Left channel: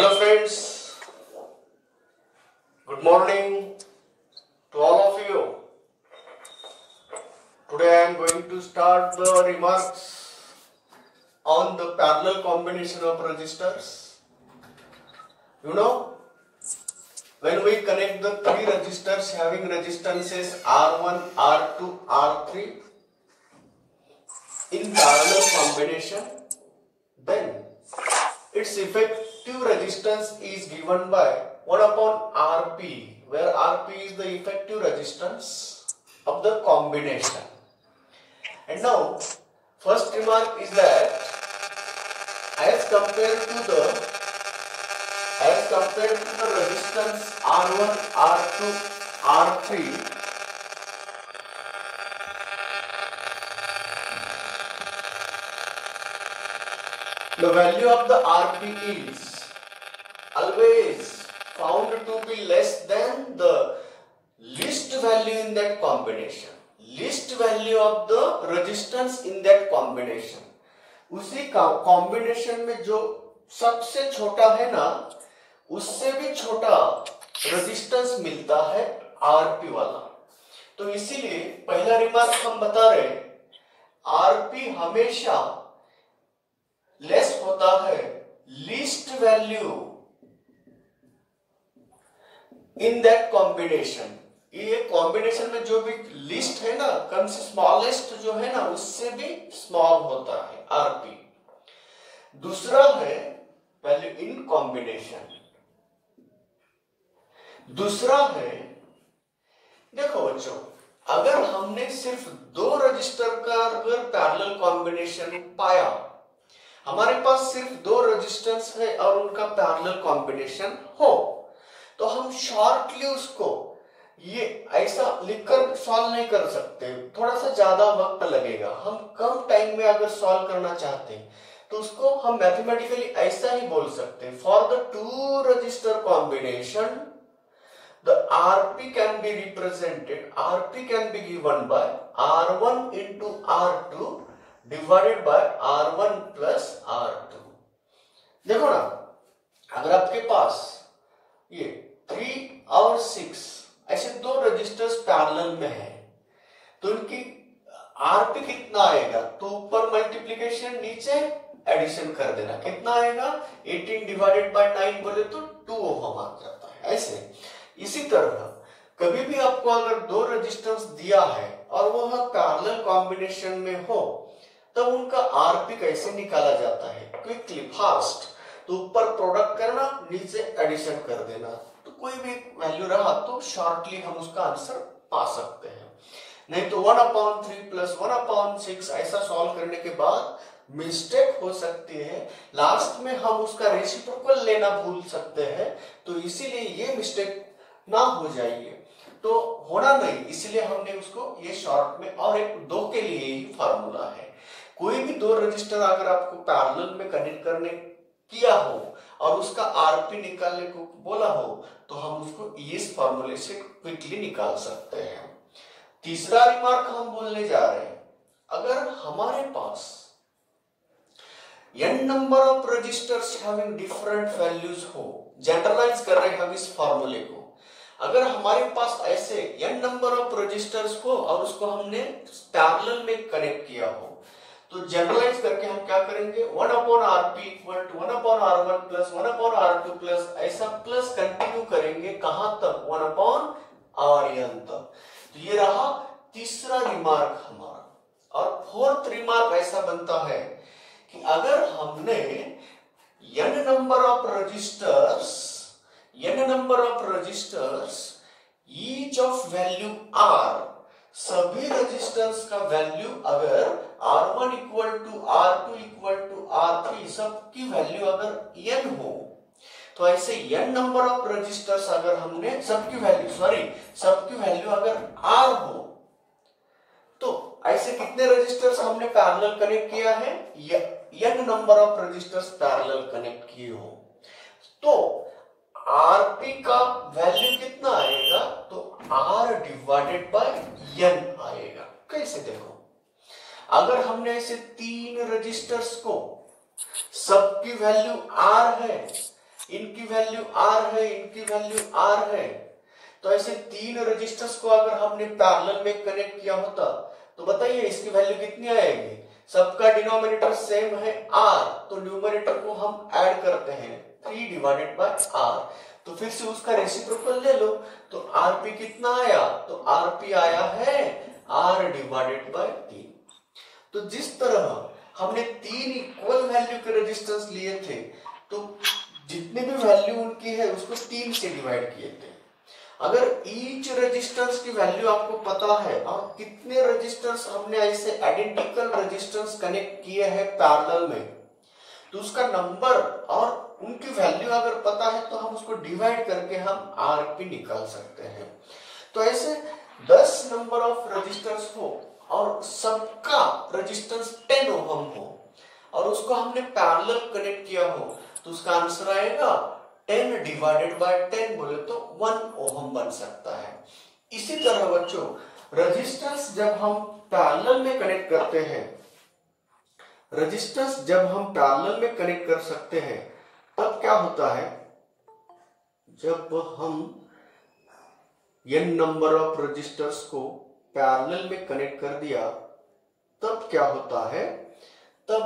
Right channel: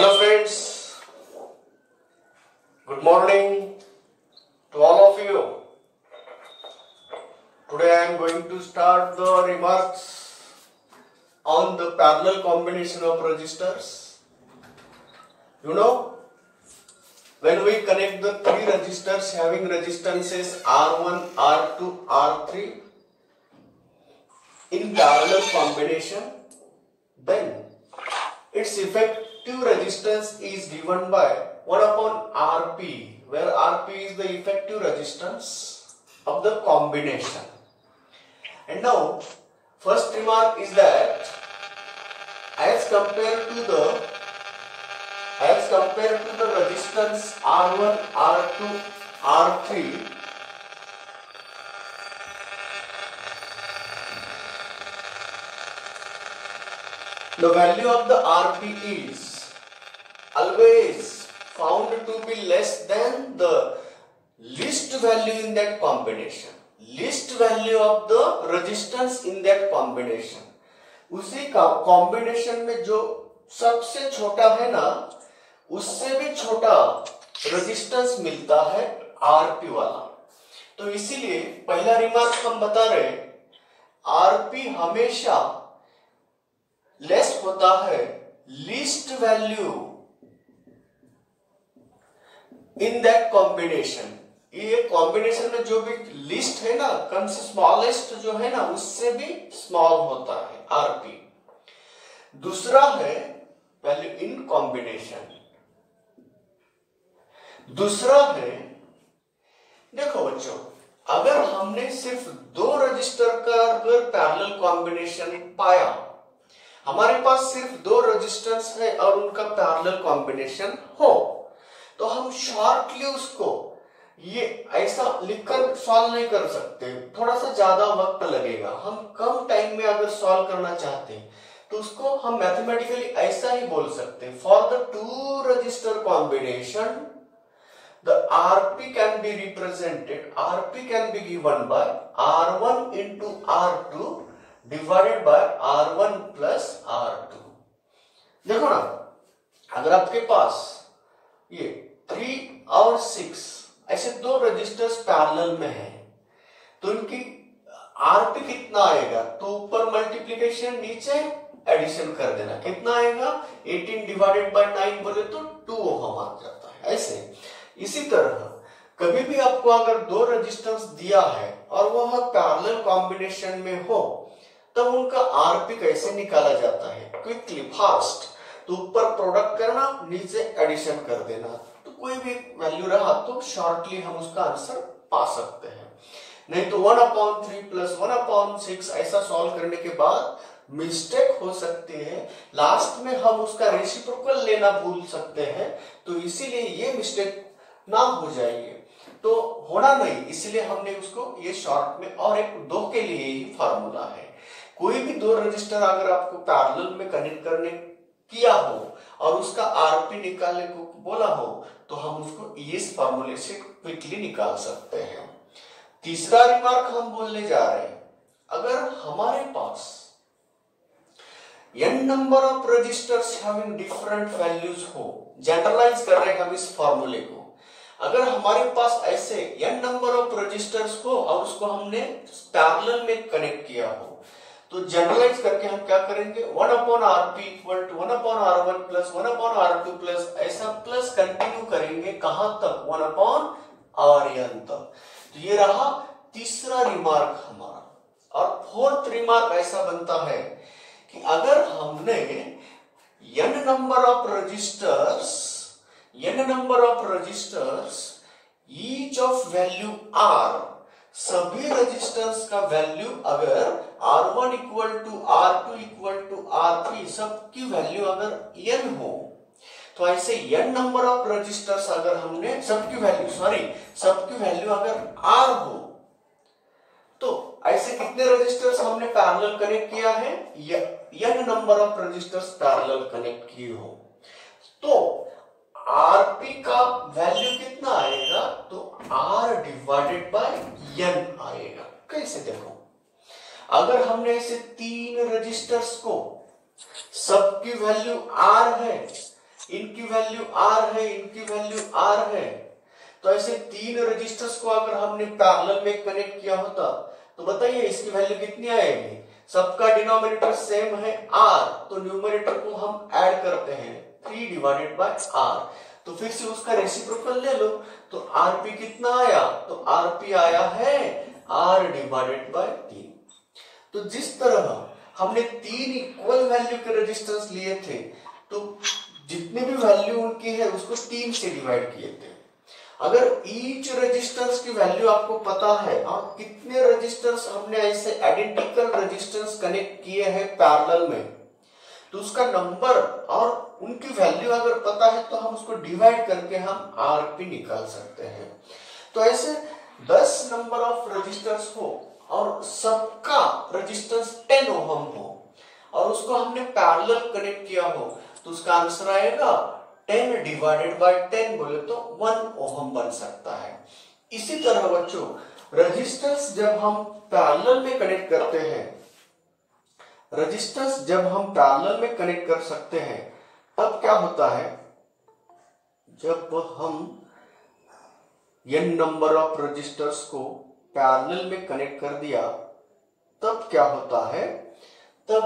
Hello friends, good morning to all of you. Today I am going to start the remarks on the parallel combination of resistors. You know, when we connect the three resistors having resistances R1, R2, R3 in parallel combination, then its effective resistance is given by 1 upon Rp, where Rp is the effective resistance of the combination. And now, first remark is that as compared to the resistance R1, R2, R3, the value of the Rp is always found to be less than the least value in that combination. Least value of the resistance in that combination. उसी combination में जो सबसे छोटा है ना, उससे भी छोटा रेजिस्टेंस मिलता है Rp वाला. तो इसीलिए पहला रिमार्क हम बता रहे, Rp हमेशा लेस होता है least value in that combination. ये कॉम्बिनेशन में जो भी लिस्ट है ना, कम से स्मॉलेस्ट जो है ना, उससे भी स्मॉल होता है Rp. दूसरा है वैल्यू इन कॉम्बिनेशन. दूसरा है, देखो बच्चों, अगर हमने सिर्फ दो रजिस्टर का अगर पैरेलल कॉम्बिनेशन पाया, हमारे पास सिर्फ दो रेजिस्टेंस है और उनका पैरेलल कॉम्बिनेशन हो, तो हम शॉर्टली उसको ये ऐसा लिखकर सॉल्व नहीं कर सकते. थोड़ा सा ज्यादा वक्त लगेगा. हम कम टाइम में अगर सॉल्व करना चाहते हैं तो उसको हम मैथमेटिकली ऐसा ही बोल सकते हैं. For the two register combination the Rp can be represented, Rp can be given by R1 into R2 divided by R1 plus R2. देखो ना, अगर आपके पास ये 3 और 6 ऐसे दो रजिस्टर्स पैरेलल में है, तो इनकी Rp कितना आएगा? तो ऊपर मल्टीप्लिकेशन, नीचे एडिशन कर देना. कितना आएगा? 18 डिवाइडेड बाय 9 बोले तो 2 ओहम आ जाता है. ऐसे इसी तरह कभी भी आपको अगर दो रेजिस्टेंस दिया है और वह पैरेलल कॉम्बिनेशन में हो, तब उनका Rp कैसे निकाला जाता है? Quickly, fast. तो ऊपर प्रोडक्ट करना, नीचे एडिशन कर देना. तो कोई भी वैल्यू रहा तो शॉर्टली हम उसका आंसर पा सकते हैं. नहीं तो 1/3 प्लस 1/6 ऐसा सॉल्व करने के बाद मिस्टेक हो सकती है. लास्ट में हम उसका रेसिप्रोकल लेना भूल सकते हैं. तो इसीलिए ये मिस्टेक ना हो जाइए, तो होना नहीं, इसीलिए हमने उसको ये शॉर्ट में और एक दो के लिए ही फॉर्मूला है. कोई भी दो रजिस्टर अगर आपको पैरेलल में कनेक्ट करने किया हो और उसका Rp निकालने को बोला हो, तो हम उसको इस फॉर्मूले से क्विकली निकाल सकते हैं. तीसरा रिमार्क हम बोलने जा रहे हैं, अगर हमारे पास n number of resistors having different values हो, जनरलाइज कर रहे हैं हम इस फॉर्मूले को. अगर हमारे पास ऐसे n नंबर ऑफ रजिस्टर्स हो और उसको हमने पैरेलल में कनेक्ट किया हो, तो जनरलाइज करके हम क्या करेंगे? 1/Rp equal to 1/R1 plus 1/R2 plus ऐसा प्लस कंटिन्यू करेंगे. कहां तक? 1/Rn तक. तो ये रहा तीसरा रिमार्क हमारा. और फोर्थ रिमार्क ऐसा बनता है कि अगर हमने n number of resistors each of value R, सभी रेजिस्टेंस का वैल्यू अगर R1 equal to R2 equal to R3 सबकी वैल्यू अगर n हो, तो ऐसे n नंबर ऑफ रेजिस्टर्स अगर हमने सबकी वैल्यू अगर R हो, तो ऐसे कितने रेजिस्टर्स हमने पैरेलल कनेक्ट किया है? n number of resistors parallel connect किए हो, तो Rp का वैल्यू कितना आएगा? तो R डिवाइडेड बाय n आएगा. कैसे? देखो, अगर हमने ऐसे तीन रजिस्टर्स को सबकी वैल्यू R है, इनकी वैल्यू R है, इनकी वैल्यू R है। तो ऐसे तीन रजिस्टर्स को अगर हमने पैरेलल में कनेक्ट किया होता तो बताइए इसकी वैल्यू कितनी आएगी। सबका डिनोमिनेटर सेम है R, तो न्यूमरेटर को हम ऐड करते हैं 3 डिवाइडेड बाय R। तो फिर से उसका रेसिप्रोकल ले लो, तो Rp कितना आया, तो Rp आया है R डिवाइडेड बाय 3। तो जिस तरह हमने तीन इक्वल वैल्यू के रेजिस्टेंस लिए थे, तो जितने भी वैल्यू उनकी है उसको 3 से डिवाइड किए थे। अगर ईच रेजिस्टेंस की वैल्यू आपको पता है और कितने रेजिस्टेंस हमने ऐसे आइडेंटिकल रेजिस्टेंस कनेक्ट किए हैं पैरेलल में, तो उसका नंबर और उनकी वैल्यू अगर पता है तो हम उसको डिवाइड करके हम Rp निकाल सकते हैं। तो ऐसे 10 नंबर ऑफ रेजिस्टर्स हो और सबका रेजिस्टेंस 10 ओहम हो और उसको हमने पैरेलल कनेक्ट किया हो, तो उसका आंसर आएगा 10 डिवाइडेड बाय 10 बोले तो 1 ओहम बन सकता है। इसी तरह बच्चों रेजिस्टेंस जब हम पैरेलल में कनेक्ट करते हैं, रेजिस्टेंस जब हम पैरेलल में कनेक्ट कर सकते हैं तब क्या होता है, जब हम n नंबर ऑफ रेजिस्टर्स को पैरेलल में कनेक्ट कर दिया तब क्या होता है, तब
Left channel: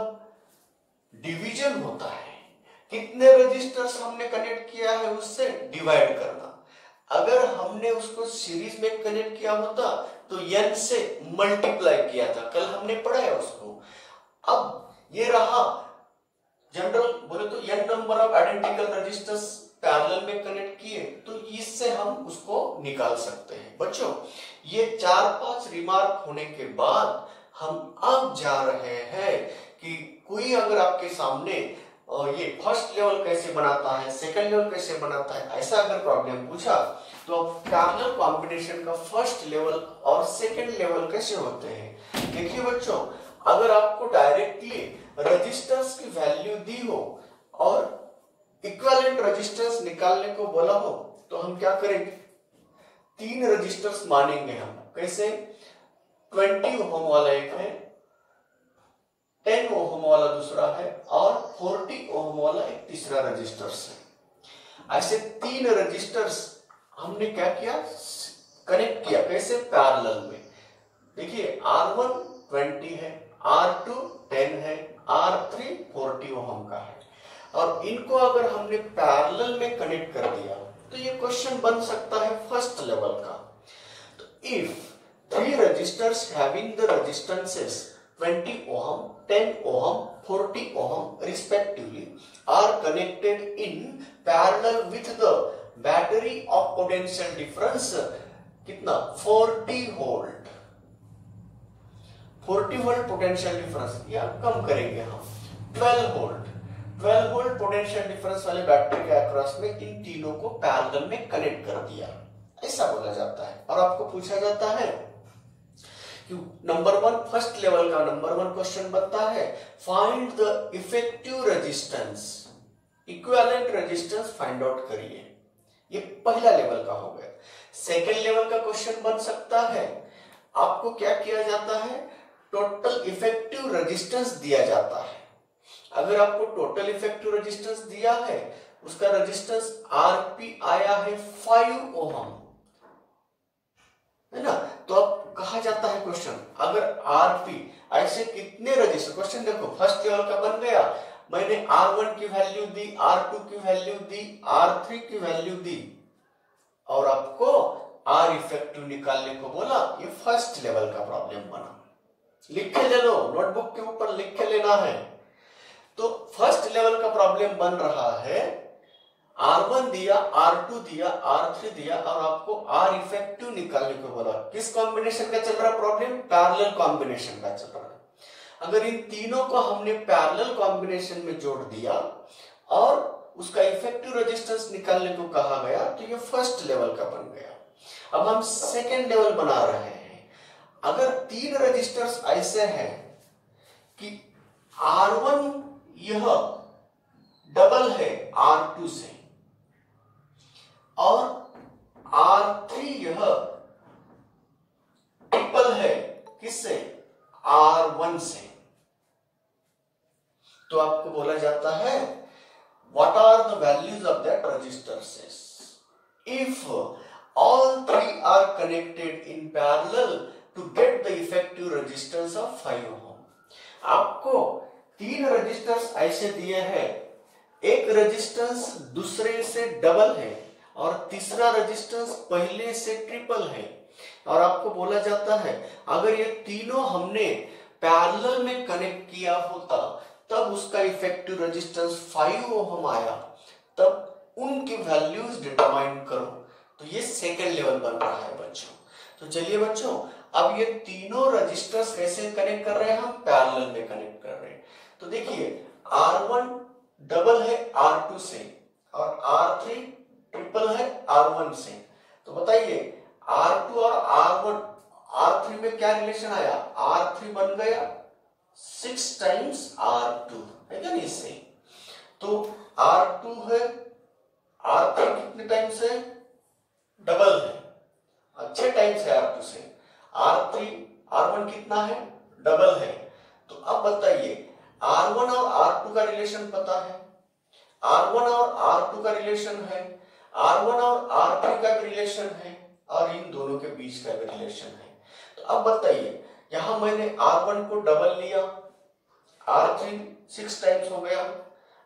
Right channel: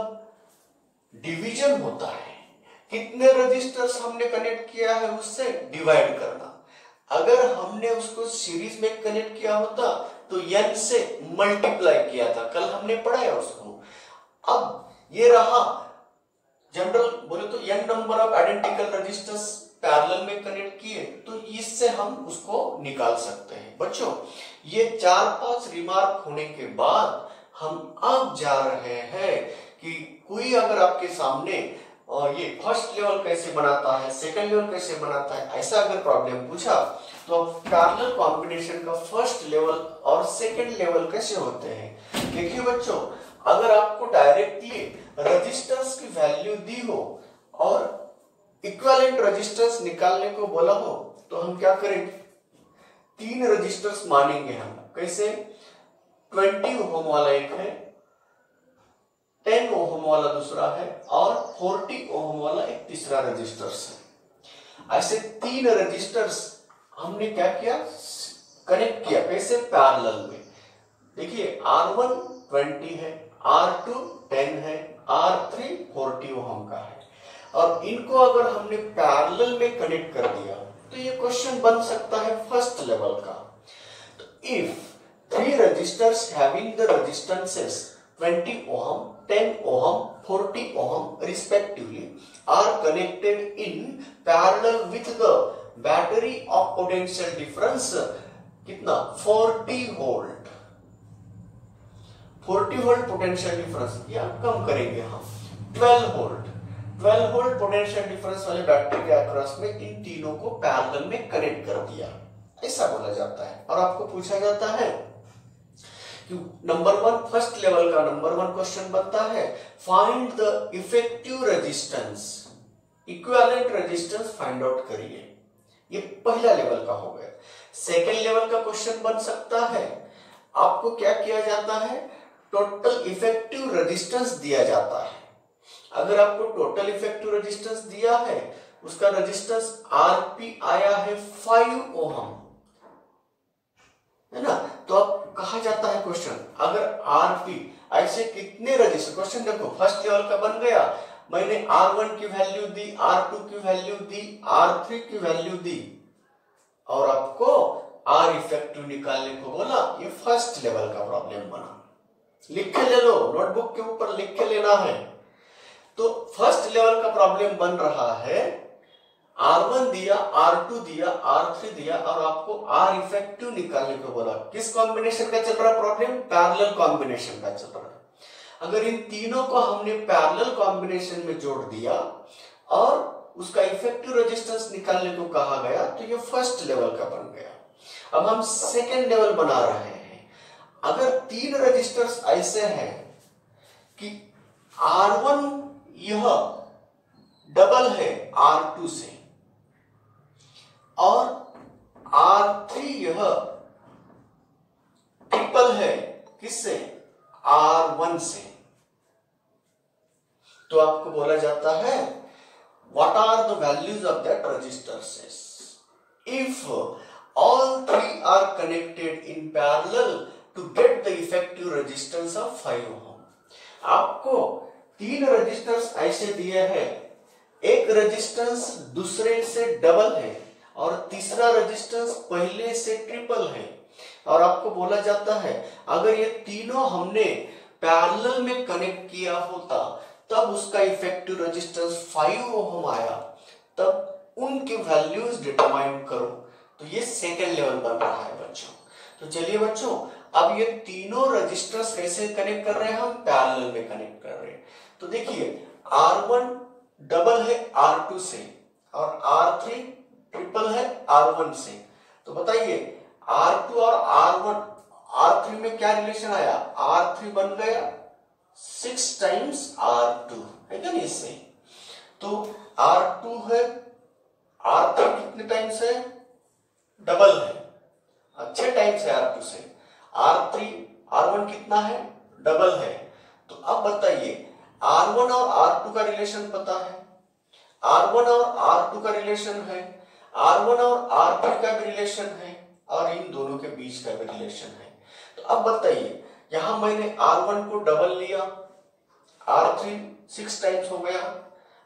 डिवीजन होता है। कितने रजिस्टर्स हमने कनेक्ट किया है उससे डिवाइड करना। अगर हमने उसको सीरीज में कनेक्ट किया होता तो n से मल्टीप्लाई किया था, कल हमने पढ़ाया उसको। अब ये रहा जनरल बोले तो n number of identical resistors parallel में कनेक्ट किए, तो इससे हम उसको निकाल सकते हैं। बच्चों ये 4-5 रिमार्क होने के बाद हम अब जा रहे हैं कि कोई अगर आपके सामने ये फर्स्ट लेवल कैसे बनाता है, सेकंड लेवल कैसे बनाता है, ऐसा अगर प्रॉब्लम पूछा तो पैरेलल कॉम्बिनेशन का फर्स्ट लेवल और सेकंड लेवल कैसे होते हैं। देखिए बच्चों, अगर आपको डायरेक्टली रेजिस्टेंस की वैल्यू दी हो और इक्विवेलेंट रेजिस्टेंस निकालने को बोला हो तो हम क्या करेंगे, 3 रेजिस्टर्स मानेंगे हम। कैसे, 20 ओहम वाला एक है, 10 ओहम वाला दूसरा है और 40 ओहम वाला एक तीसरा रेजिस्टर्स है। ऐसे 3 रेजिस्टर्स हमने क्या किया, कनेक्ट किया। कैसे, पैरेलल में। देखिए R1 20 है, R2 10 है, R3 40 ओहम का है और इनको अगर हमने पैरेलल में कनेक्ट कर दिया तो ये क्वेश्चन बन सकता है फर्स्ट लेवल का। तो if 3 resistors having the resistances 20 ohm, 10 ohm, 40 ohm respectively are connected in parallel with the battery of potential difference कितना 40 volt 40 वोल्ट पोटेंशियल डिफरेंस, या कम करेंगे हम 12 वोल्ट पोटेंशियल डिफरेंस वाले बैटरी के अक्रॉस में इन तीनों को पैरेलल में कनेक्ट कर दिया, ऐसा बोला जाता है। और आपको पूछा जाता है नंबर 1 फर्स्ट लेवल का नंबर 1 क्वेश्चन बनता है, find the effective resistance, equivalent resistance find out करिए। ये पहला लेवल का हो गया। सेकंड लेवल का क्वेश्चन बन सकता है, आपको क्या किया जाता है, टोटल इफेक्टिव रेजिस्टेंस दिया जाता है। अगर आपको टोटल इफेक्टिव रेजिस्टेंस दिया है, उसका रेजिस्टेंस Rp आया है 5 ओहम, है ना, तो अब कहा जाता है क्वेश्चन, अगर Rp ऐसे कितने रेजिस्टर, क्वेश्चन देखो फर्स्ट लेवल का बन गया, मैंने R1 की वैल्यू दी, R2 की वैल्यू दी, R3 की वैल्यू दी और आपको R इफेक्टिव निकालने को बोला। ये फर्स्ट लेवल का प्रॉब्लम बना, लिख के ले लो, नोटबुक के ऊपर लिख के लेना है। तो फर्स्ट लेवल का प्रॉब्लम बन रहा है, R1 दिया, R2 दिया, R3 दिया और आपको R इफेक्टिव निकालने को बोला। किस कॉम्बिनेशन का चल रहा प्रॉब्लम, पैरेलल कॉम्बिनेशन का चल रहा है। अगर इन तीनों को हमने पैरेलल कॉम्बिनेशन में जोड़ दिया और उसका इफेक्टिव रेजिस्टेंस निकालने को कहा गया तो ये फर्स्ट लेवल का बन गया। अब हम सेकेंड लेवल बना रहे हैं। अगर 3 रजिस्टर्स ऐसे हैं कि R1 यह डबल है R2 से और R3 यह ट्रिपल है किससे, R1 से, तो आपको बोला जाता है what are the values of that resistor says. If all three are connected in parallel to get the effective resistance of 5 ohm. आपको तीन रेजिस्टेंस ऐसे दिए हैं, एक रेजिस्टेंस दूसरे से डबल है और तीसरा रेजिस्टेंस पहले से ट्रिपल है, और आपको बोला जाता है अगर ये तीनों हमने पैरेलल में कनेक्ट किया होता तब उसका इफेक्टिव रेजिस्टेंस 5 ओम आया, तब उनकी वैल्यूज डिटरमाइन करो। तो ये सेकेंड लेवल बन रहा है बच्चों। तो चलिए बच्चों, अब ये तीनों रजिस्टर्स कैसे कनेक्ट कर रहे हैं, हम पैरेलल में कनेक्ट कर रहे हैं। तो देखिए R1 डबल है R2 से और R3 ट्रिपल है R1 से। तो बताइए R2 और R3 में क्या रिलेशन आया, R3 बन गया 6 टाइम्स R2 है क्या नहीं इससे। तो R2 है, R3 कितने टाइम्स है, डबल है, 6 टाइम्स है R2 से। R1 कितना है, डबल है। तो अब बताइए R1 और R2 का रिलेशन पता है, R1 और R2 का रिलेशन है, R1 और R3 का भी रिलेशन है और इन दोनों के बीच का भी रिलेशन है। तो अब बताइए यहां मैंने R1 को डबल लिया, R3 6 टाइम्स हो गया।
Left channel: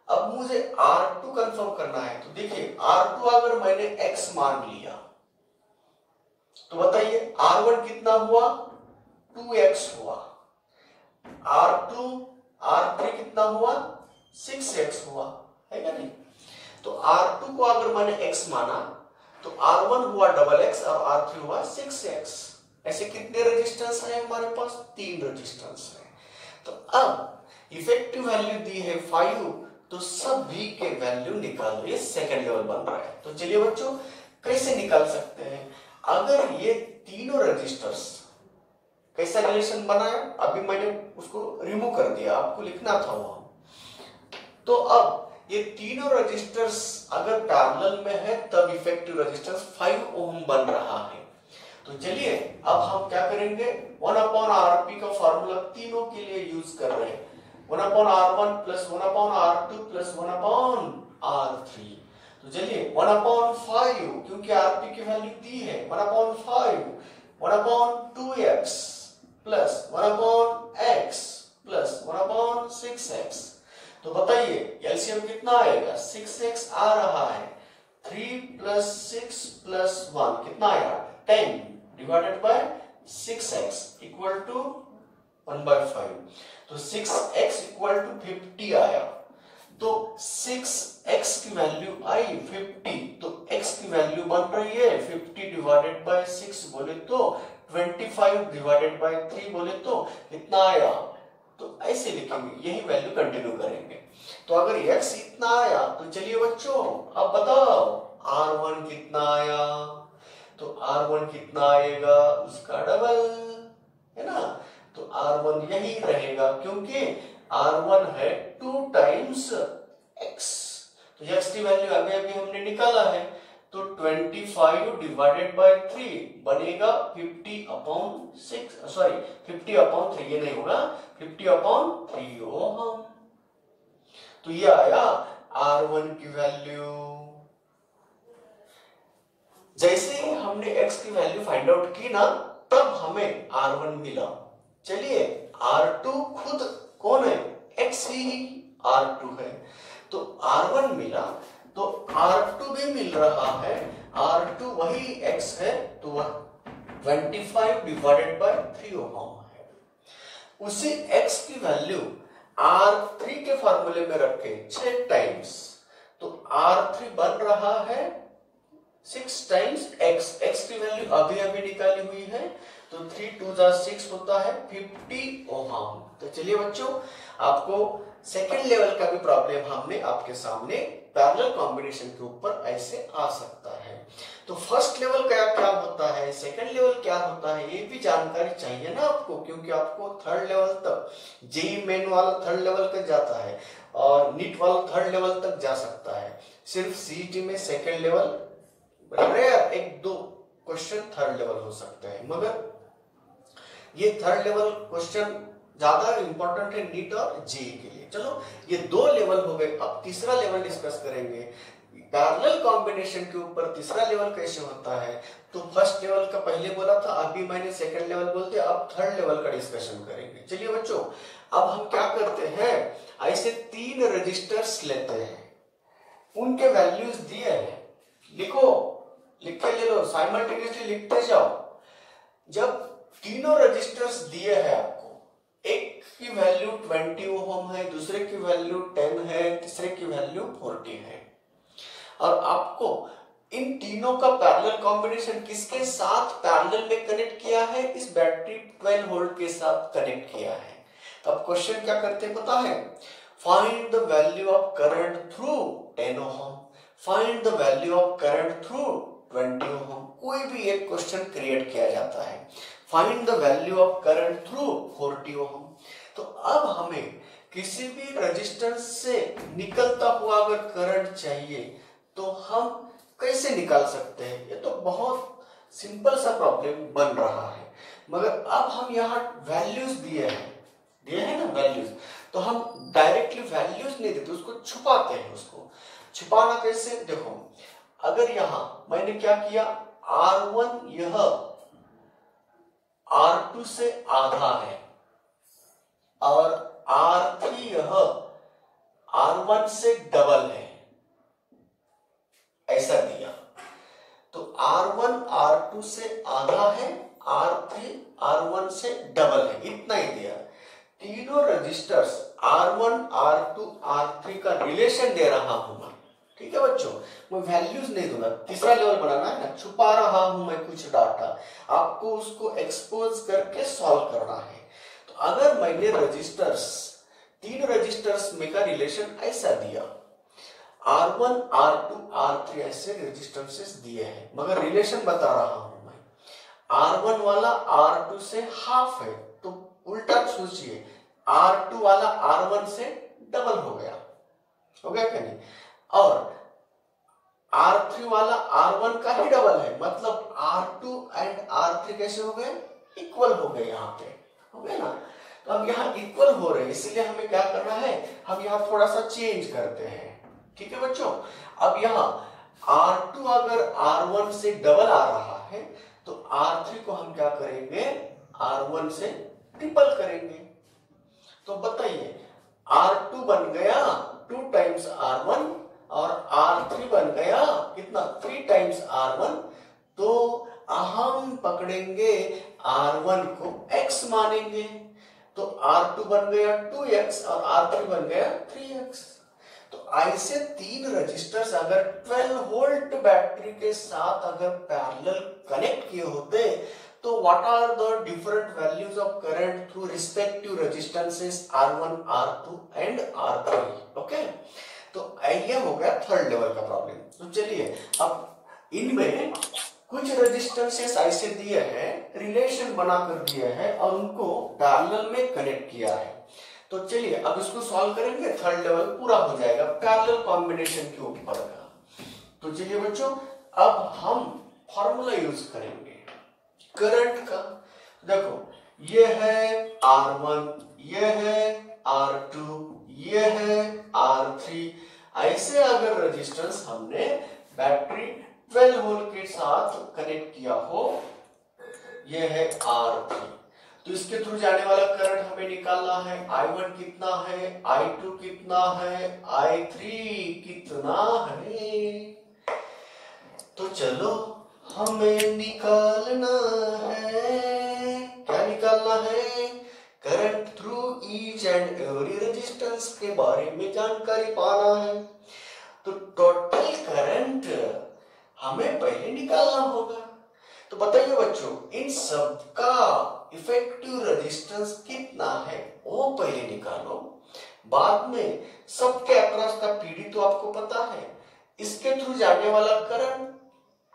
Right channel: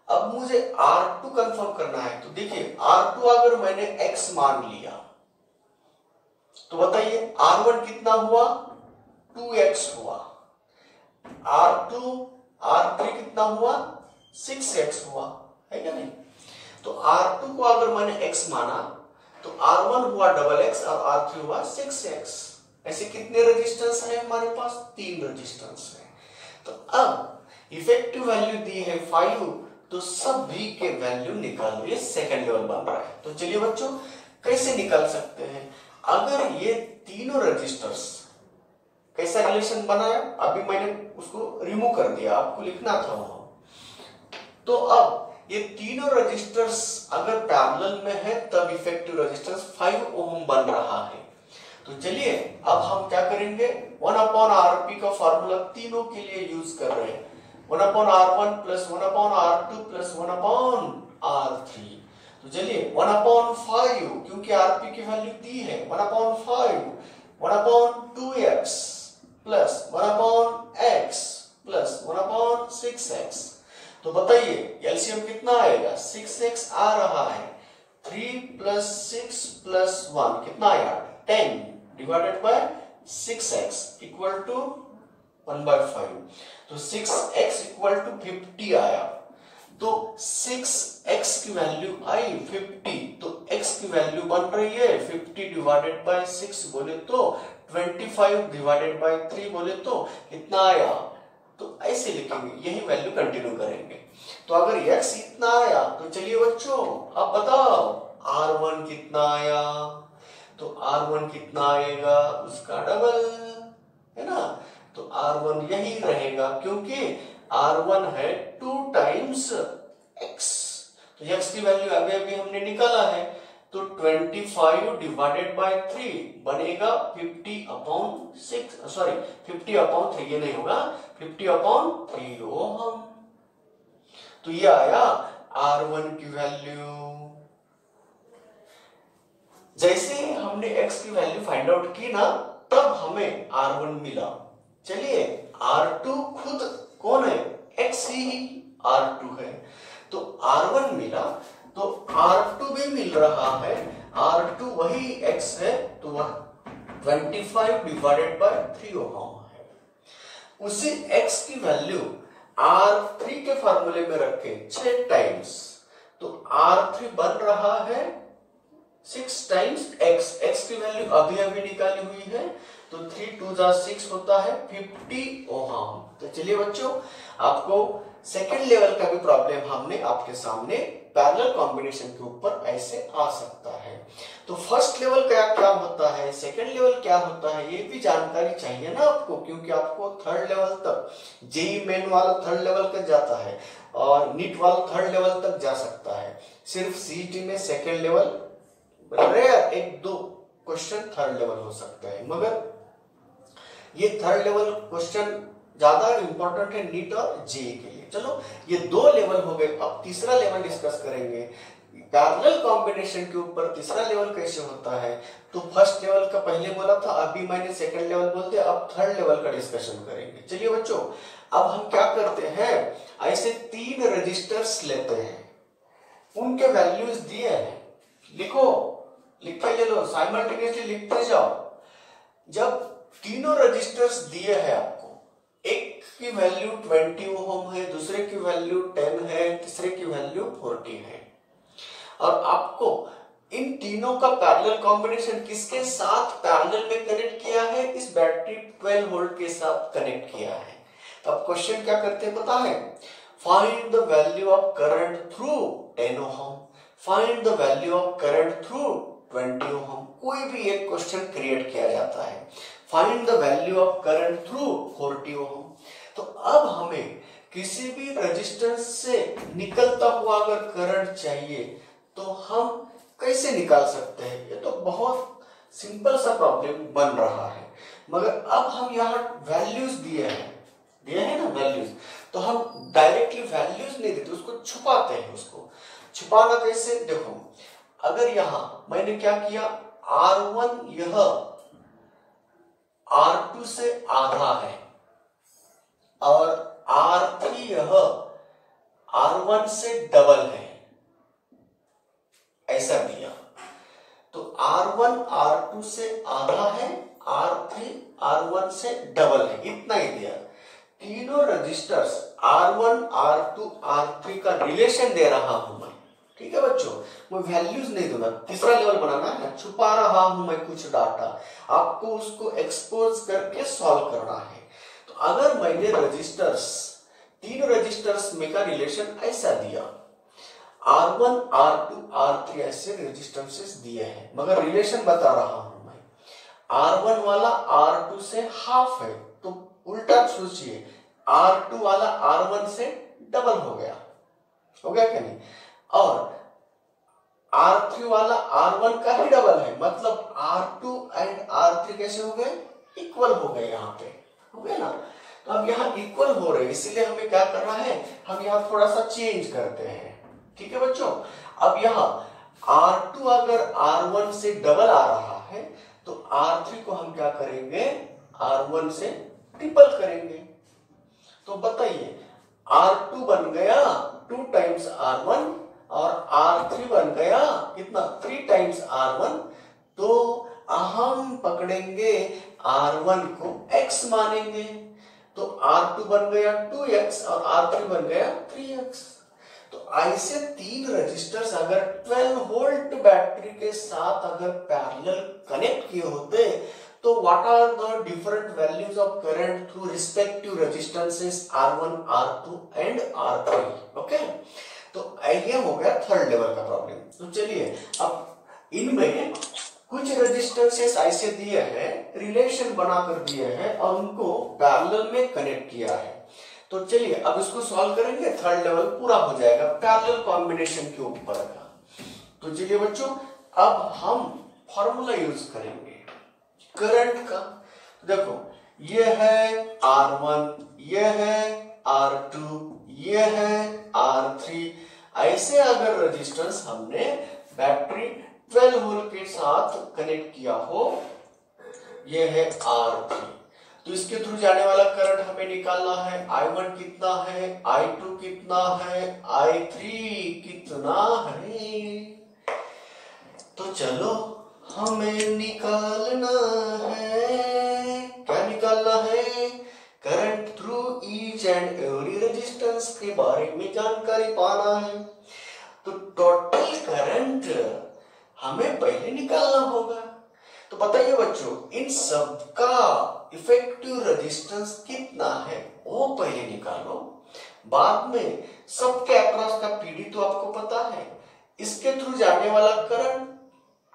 अब मुझे R2 कंफर्म करना है। तो देखिए R2 अगर मैंने X मान लिया तो बताइए R1 कितना हुआ, 2x हुआ, R3 कितना हुआ, 6x हुआ है क्या नहीं। तो R2 को अगर मैंने x माना तो R1 हुआ डबल x और R3 हुआ 6x। ऐसे कितने रेजिस्टेंस है हमारे पास, 3 रेजिस्टेंस है। तो अब इफेक्टिव वैल्यू दी है 5, तो सभी के वैल्यू निकालो, ये सेकेंड लेवल बन रहा है। तो चलिए बच्चों कैसे निकाल सकते हैं, अगर ये तीनों रजिस्टर्स कैसा रिलेशन बना है, अभी मैंने उसको रिमूव कर दिया, आपको लिखना था वो। तो अब ये तीनों रजिस्टर्स अगर पैरेलल में है तब इफेक्टिव रेजिस्टेंस 5 ओम बन रहा है। तो चलिए अब हम क्या करेंगे, 1/Rp का फॉर्मूला तीनों के लिए यूज कर रहे हैं, 1/R1 plus 1/R2 plus 1/R3। तो चलिए 1/5, क्योंकि Rp की वैल्यू दी है, 1/5 1/2x plus 1/x plus 1/6x। तो बताइए एलसीएम कितना आएगा, 6x आ रहा है, 3 प्लस 6 प्लस 1 कितना आएगा, 10 divided by 6x equal to 1/5। तो 6x इक्वल टू 50 आया। तो 6x की वैल्यू आई 50, तो x की वैल्यू बन रही है 50 डिवाइडेड बाय 6 बोले तो 25 डिवाइडेड बाय 3 बोले तो कितना आया। तो ऐसे लिखेंगे, यही वैल्यू कंटिन्यू करेंगे। तो अगर x इतना आया तो चलिए बच्चों अब बताओ R1 कितना आया। तो R1 कितना आएगा, उसका डबल है ना। तो R1 यही रहेगा क्योंकि R1 है 2 टाइम्स x। तो x की वैल्यू अभी हमने निकाला है, तो 25 डिवाइडेड बाय 3 बनेगा 50/3, ये नहीं होगा, 50/3 ओम। तो ये आया R1 की वैल्यू। जैसे हमने x की वैल्यू फाइंड आउट की ना, तब हमें R1 मिला। चलिए R2 खुद कौन है, x ही R2 है। तो R1 मिला, तो R2 भी मिल रहा है, R2 वही x है, तो वह 25 डिवाइडेड बाय 3 ओम है। उसी x की वैल्यू R3 के फार्मूले में रखे 6 टाइम्स, तो R3 बन रहा है 6 टाइम्स x की वैल्यू अभी निकाली हुई है, तो 3 2 6 होता है 50 ओम। तो चलिए बच्चों आपको सेकेंड लेवल का भी प्रॉब्लम हमने आपके सामने पैरेलल कॉम्बिनेशन के ऊपर ऐसे आ सकता है। तो फर्स्ट लेवल क्या क्या होता है, सेकेंड लेवल क्या होता है, ये भी जानकारी चाहिए ना आपको, क्योंकि आपको थर्ड लेवल तक, जेई मेन वाला थर्ड लेवल तक जाता है और नीट वाला थर्ड लेवल तक जा सकता है। सिर्फ सीईटी में second level rare 1-2 question third level हो सकते हैं, मगर ये थर्ड लेवल क्वेश्चन ज्यादा इंपॉर्टेंट है नीट और जेई के लिए। चलो ये दो लेवल हो गए, अब तीसरा लेवल डिस्कस करेंगे। पैरेलल कॉम्बिनेशन के ऊपर तीसरा लेवल कैसे होता है। तो फर्स्ट लेवल का पहले बोला था, अभी मैंने सेकंड लेवल बोलते, अब थर्ड लेवल का डिस्कशन करेंगे। चलिए बच्चों, अब हम क्या करते हैं, ऐसे 3 रजिस्टर्स लेते हैं, उनके वैल्यूज दिए हैं, लिखो, लिख के ले लो, साइमल्टेनियसली लिखते जाओ। जब तीनों रजिस्टर्स दिए हैं आपको, एक की वैल्यू 20 ओम है, दूसरे की वैल्यू 10 है, तीसरे की वैल्यू 40 है, और आपको इन तीनों का पैरेलल कॉम्बिनेशन किसके साथ पैरेलल में कनेक्ट किया है, इस बैटरी 12 वोल्ट के साथ कनेक्ट किया है। तो अब क्वेश्चन क्या करते हैं पता है, find the value of current through 10 ohm, find the value of current through 20 ohm. कोई भी एक क्वेश्चन क्रिएट किया जाता है, find the value of current through 40 ohm. तो अब हमें किसी भी रेजिस्टेंस से निकलता हुआ अगर करंट चाहिए तो हम कैसे निकाल सकते हैं। ये तो बहुत सिंपल सा प्रॉब्लम बन रहा है, मगर अब हम यहाँ वैल्यूज दिए हैं ना वैल्यूज, तो हम डायरेक्टली वैल्यूज नहीं देते, उसको छुपाते हैं। उसको छुपाना कैसे, देखो, अगर यहां मैंने क्या किया, R1 यह R2 से आधा है और R3 यह R1 से डबल है, ऐसा दिया। तो R1 R2 से आधा है, R3 R1 से डबल है, इतना ही दिया। तीनों रजिस्टर्स R1 R2 R3 का रिलेशन दे रहा हूं मैं, ठीक है बच्चों, मैं वैल्यूज नहीं दूंगा, तीसरा लेवल बनाना है ना, छुपा रहा हूं मैं कुछ डाटा, आपको उसको एक्सपोज करके सॉल्व करना है। तो अगर मैंने रजिस्टर्स, 3 रजिस्टर्स में का रिलेशन ऐसा दिया, R1 R2 R3 ऐसे रेजिस्टेंसेस दिए हैं, मगर रिलेशन बता रहा हूं मैं, R1 वाला R2 से हाफ है, तो उल्टा सोचिए, R2 वाला R1 से डबल हो गया क्या नहीं, और R3 वाला R1 का ही डबल है, मतलब R2 एंड R3 कैसे हो गए, इक्वल हो गए, यहाँ पे हो गए ना। तो अब यहाँ इक्वल हो रहे, इसलिए हमें क्या करना है, हम यहाँ थोड़ा सा चेंज करते हैं, ठीक है बच्चों। अब यहाँ R2 अगर R1 से डबल आ रहा है, तो R3 को हम क्या करेंगे, R1 से ट्रिपल करेंगे। तो बताइए, R2 बन गया 2 टाइम्स R1 और R3 बन गया कितना, 3 टाइम्स R1। तो हम पकड़ेंगे R1 को X मानेंगे, तो R2 बन गया 2X और R3 बन गया 3X। तो ऐसे 3 रजिस्टर्स अगर 12 वोल्ट बैटरी के साथ अगर पैरेलल कनेक्ट किए होते, तो what are the different values of current through respective resistances R1 R2 and R3, okay. तो ये हो गया थर्ड लेवल का प्रॉब्लम। तो चलिए, अब इनमें कुछ रेजिस्टेंसेस ऐसे दिए हैं, रिलेशन बनाकर दिए हैं और उनको पैरेलल में कनेक्ट किया है। तो चलिए अब इसको सॉल्व करेंगे, थर्ड लेवल पूरा हो जाएगा पैरेलल कॉम्बिनेशन के ऊपर का। तो चलिए बच्चों, अब हम फॉर्मूला यूज करेंगे करंट का। देखो, ये है R1, ये है R2, ये है R3, ऐसे अगर रेजिस्टेंस हमने बैटरी 12 वोल्ट के साथ कनेक्ट किया हो, ये है R3, तो इसके थ्रू जाने वाला करंट हमें निकालना है, I1 कितना है, I2 कितना है, I3 कितना है। तो चलो हमें निकालना है, क्या निकालना है, current through each and every resistance के बारे में जानकारी पाना है। तो टोटल करंट हमें पहले निकालना होगा। तो बताइए बच्चों, इन सब का इफेक्टिव रेजिस्टेंस कितना है वो पहले निकालो, बाद में सबके अक्रॉस का पीडी तो आपको पता है, इसके थ्रू जाने वाला करंट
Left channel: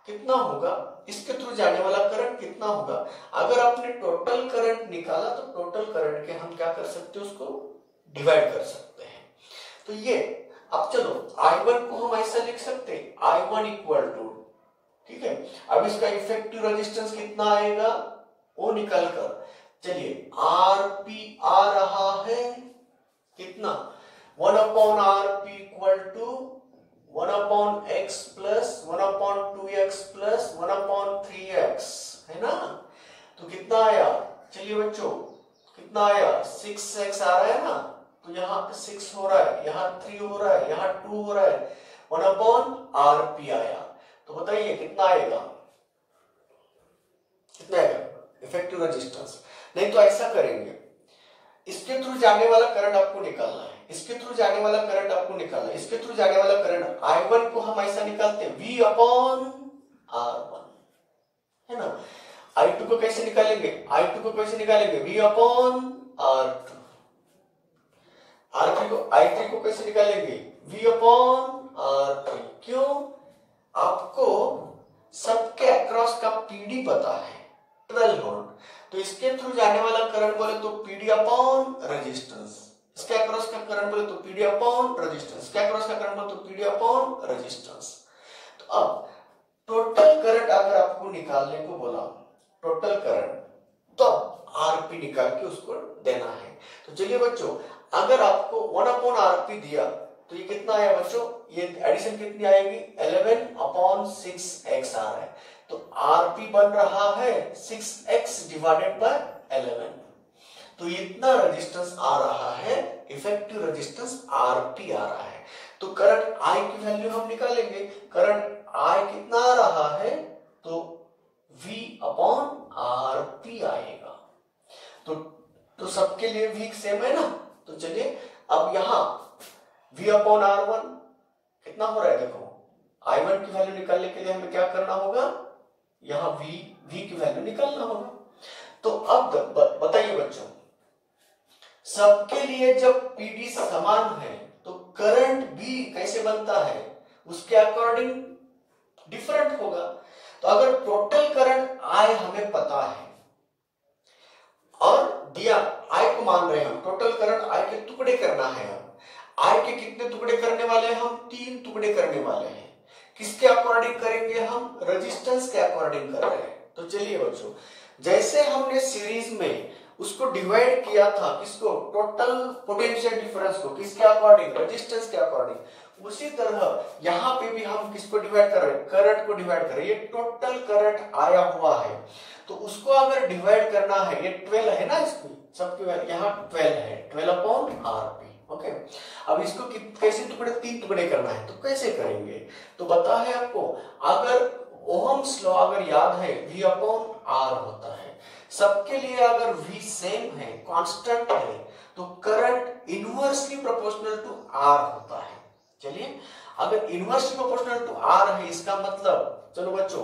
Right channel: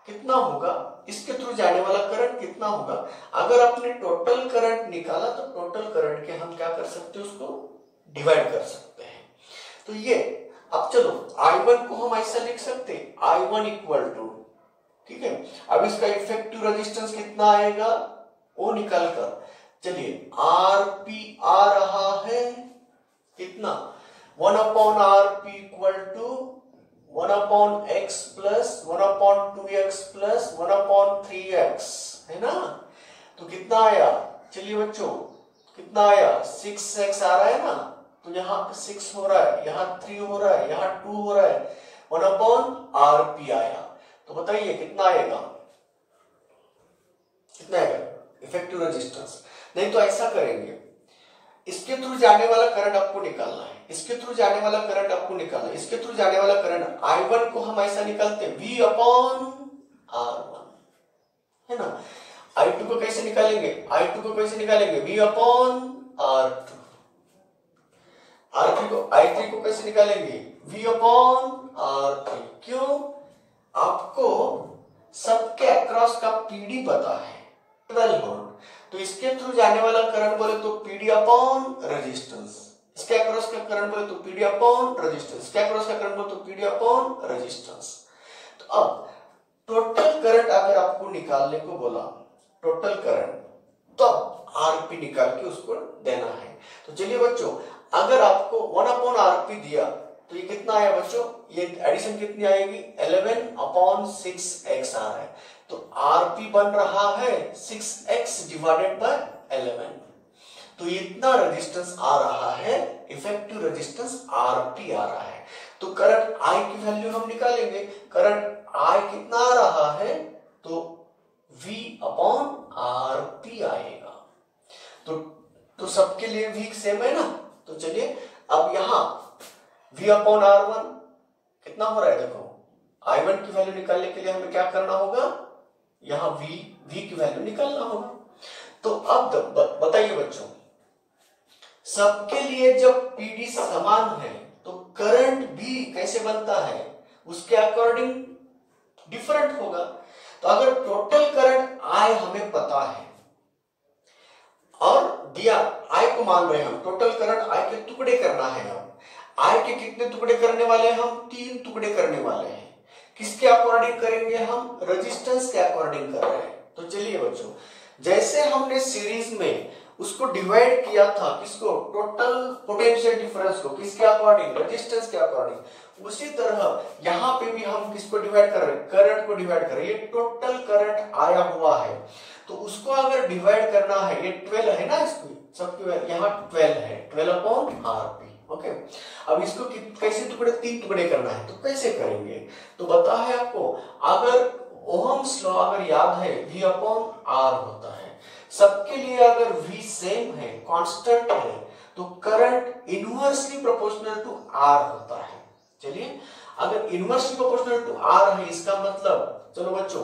कितना होगा, इसके थ्रू जाने वाला करंट कितना होगा। अगर आपने टोटल करंट निकाला तो टोटल करंट के हम क्या कर सकते हैं, उसको डिवाइड कर सकते हैं। तो ये अब चलो I1 को हम ऐसा लिख सकते हैं, I1 इक्वल टू, ठीक है। अब इसका इफेक्टिव रेजिस्टेंस कितना आएगा वो निकाल कर, चलिए RP आ रहा है कितना, 1 upon R P equal to 1 upon X plus 1 upon 2x plus 1 upon 3x, है ना। तो कितना आया, चलिए बच्चों कितना आया, 6x आ रहा है ना, तो यहाँ पे 6 हो रहा है, यहाँ 3 हो रहा है, यहाँ 2 हो रहा है, 1 अपॉन आर पी आया। तो बताइए कितना आएगा, कितना आएगा इफेक्टिव रेजिस्टेंस। नहीं तो ऐसा करेंगे, इसके थ्रू जाने वाला करंट आपको निकालना है, इसके थ्रू जाने वाला करंट आपको निकालना है, इसके थ्रू जाने वाला करंट I1 को हम ऐसा निकालते हैं V अपॉन R1, है ना। I2 को कैसे निकालेंगे, I2 को कैसे निकालेंगे, V अपॉन R2। I3 को कैसे निकालेंगे, V अपॉन R3। क्यों, आपको सबके अक्रॉस का पीडी पता है 12 वोल्ट, तो इसके थ्रू जाने वाला करंट बोले तो पीडी अपॉन रेजिस्टेंस, इसके अक्रॉस का करंट बोले तो पीडी अपॉन रेजिस्टेंस, इसके अक्रॉस का करंट बोले तो पीडी अपॉन रेजिस्टेंस। तो अब टोटल करंट अगर आपको निकालने को बोला, टोटल करंट, तो आरपी निकाल के उसको देना है। तो चलिए बच्चों, अगर आपको 1 अपॉन आरपी दिया तो ये कितना आया बच्चों, ये एडिशन कितनी आएगी, 11 अपॉन 6x आ रहा है। तो आरपी बन रहा है 6x डिवाइडेड बाय 11, तो इतना रेजिस्टेंस आ रहा है, इफेक्टिव रेजिस्टेंस आरपी आ रहा है। तो करंट आई की वैल्यू हम निकालेंगे, करंट आई कितना आ रहा है, तो V अपॉन आरपी आएगा। तो सबके लिए V सेम है ना। तो चलिए अब यहां V अपॉन R1 कितना हो रहा है, देखो I1 की वैल्यू निकालने के लिए हमें क्या करना होगा, यहां V की वैल्यू निकालना होगा। तो अब बताइए बच्चों, सबके लिए जब पीडी समान है तो करंट भी कैसे बनता है, उसके अकॉर्डिंग डिफरेंट होगा। तो अगर टोटल करंट I हमें पता है और दिया I को मान रहे हैं हम, टोटल करंट I के टुकड़े करना है, हम I के कितने टुकड़े करने वाले हैं, हम 3 टुकड़े करने वाले हैं। किसके अकॉर्डिंग करेंगे, हम रेजिस्टेंस के अकॉर्डिंग कर रहे हैं। तो चलिए बच्चों, जैसे हमने सीरीज में उसको डिवाइड किया था, किसको, टोटल पोटेंशियल डिफरेंस को, किसके अकॉर्डिंग, रेजिस्टेंस के अकॉर्डिंग, उसी तरह यहाँ पे भी हम किसको डिवाइड कर रहे हैं, करंट को डिवाइड कर रहे हैं। ये टोटल करंट आया हुआ है, तो उसको अगर डिवाइड करना है, ये 12 है ना, इसकी सबके यहाँ 12 है, 12 अपॉन आरपी। ओके, अब इसको कैसे टुकड़े, 3 टुकड़े करना है, तो कैसे करेंगे, तो बता है आपको, अगर ओहम्स लॉ अगर याद है, V अपॉन R होता है, सबके लिए अगर V सेम है, कांस्टेंट है, तो current inversely proportional to R होता है। चलिए, अगर इनवर्सली प्रोपोर्शनल टू R है, इसका मतलब, चलो बच्चों,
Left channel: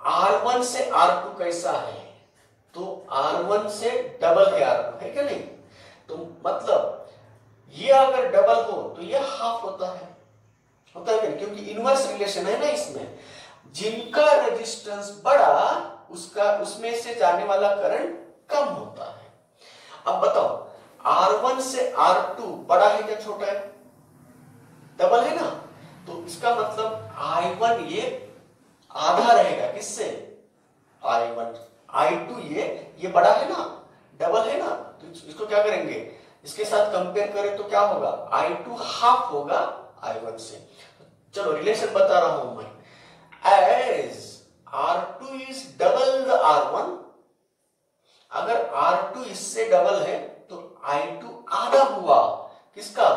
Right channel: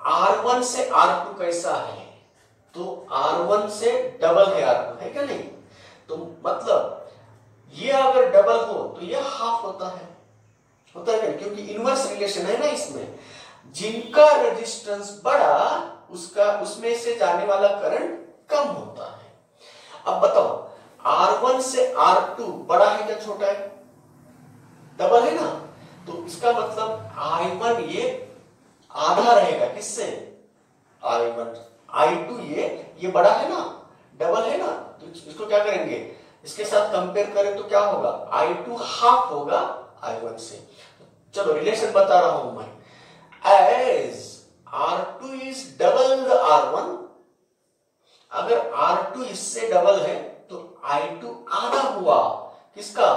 R1 से R2 कैसा है, तो R1 से डबल है R2, है क्या नहीं, तो मतलब ये अगर डबल हो तो ये हाफ होता है क्या, क्योंकि इनवर्स रिलेशन है ना इसमें, जिनका रेजिस्टेंस बड़ा उसका उसमें से जाने वाला करंट कम होता है। अब बताओ R1 से R2 बड़ा है क्या छोटा है, डबल है ना, तो इसका मतलब I1 ये आधा रहेगा, किससे, I1, I2 ये बड़ा है ना, डबल है ना, तो इसको क्या करेंगे, इसके साथ कंपेयर करें तो क्या होगा, I2 हाफ होगा I1 से। चलो रिलेशन बता रहा हूं मैं, as R2 is double the R1, अगर R2 इससे डबल है तो I2 आधा हुआ किसका,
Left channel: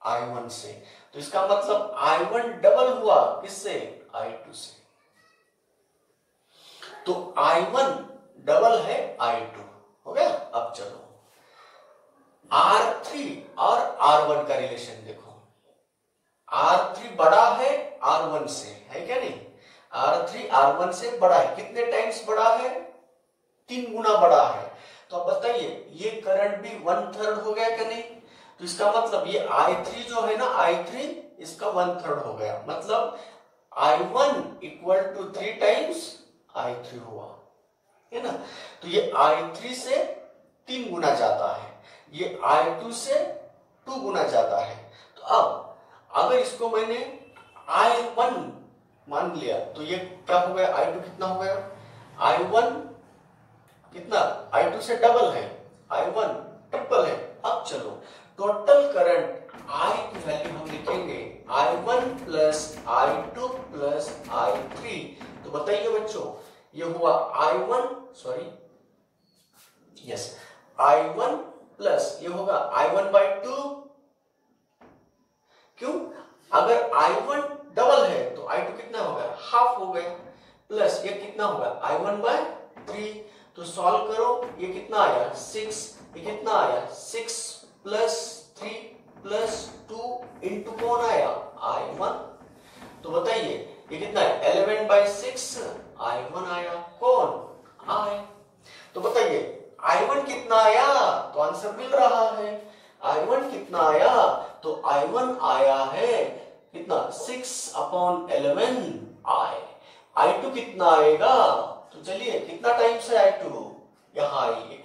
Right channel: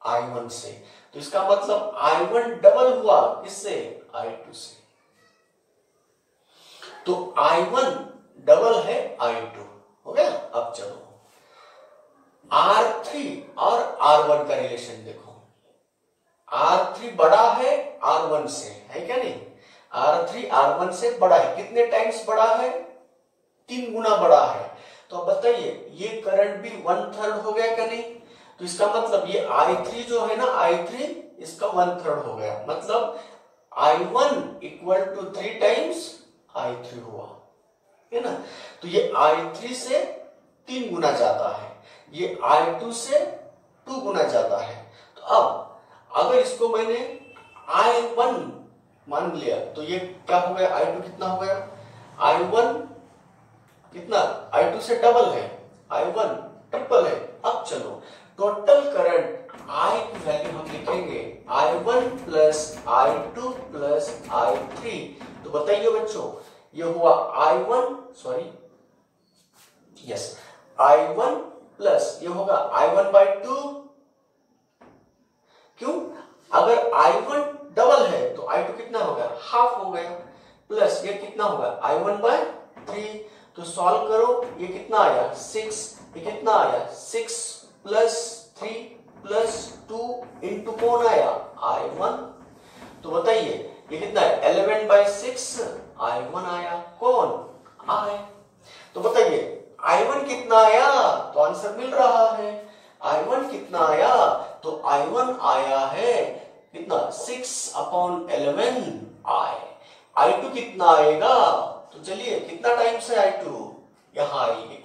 I1 से, तो इसका मतलब I1 डबल हुआ किससे, I2 से, तो I1 डबल है I2, हो गया। अब चलो R3 और R1 का रिलेशन देखो, R3 बड़ा है R1 से, है क्या नहीं, R3 R1 से बड़ा है, कितने टाइम्स बड़ा है, 3 गुना बड़ा है। तो अब बताइए ये करंट भी 1/3 हो गया क्या नहीं, तो इसका मतलब ये I3 जो है ना, I3 इसका 1/3 हो गया, मतलब I1 equal to 3 times I3 हुआ, है ना। तो ये I3 से 3 गुना ज्यादा है, ये I2 से 2 गुना ज्यादा है। तो अब अगर इसको मैंने I1 मान लिया तो ये क्या हो गया, I2 कितना हो गया, I1 कितना, I2 से डबल है, I1 ट्रिपल है। अब चलो टोटल करंट I की वैल्यू हम लिखेंगे I1 plus I2 plus I3। तो बताइए बच्चों, ये हुआ I1 प्लस ये होगा I1/2। क्यों? अगर I1 डबल है तो I2 कितना हो गया, हाफ हो गया, प्लस ये कितना होगा I1/3। तो सॉल्व करो, ये कितना आया 6, ये कितना आया 6 प्लस 3 प्लस 2 इंटू कौन आया I1। तो बताइए ये कितना है 11/6 I1 आया, कौन I। तो बताइए I1 कितना आया, तो आंसर मिल रहा है। I1 कितना आया, तो I1 आया है कितना 6/11 I2 कितना आएगा, तो चलिए कितना टाइम्स है I2, यहां आइए।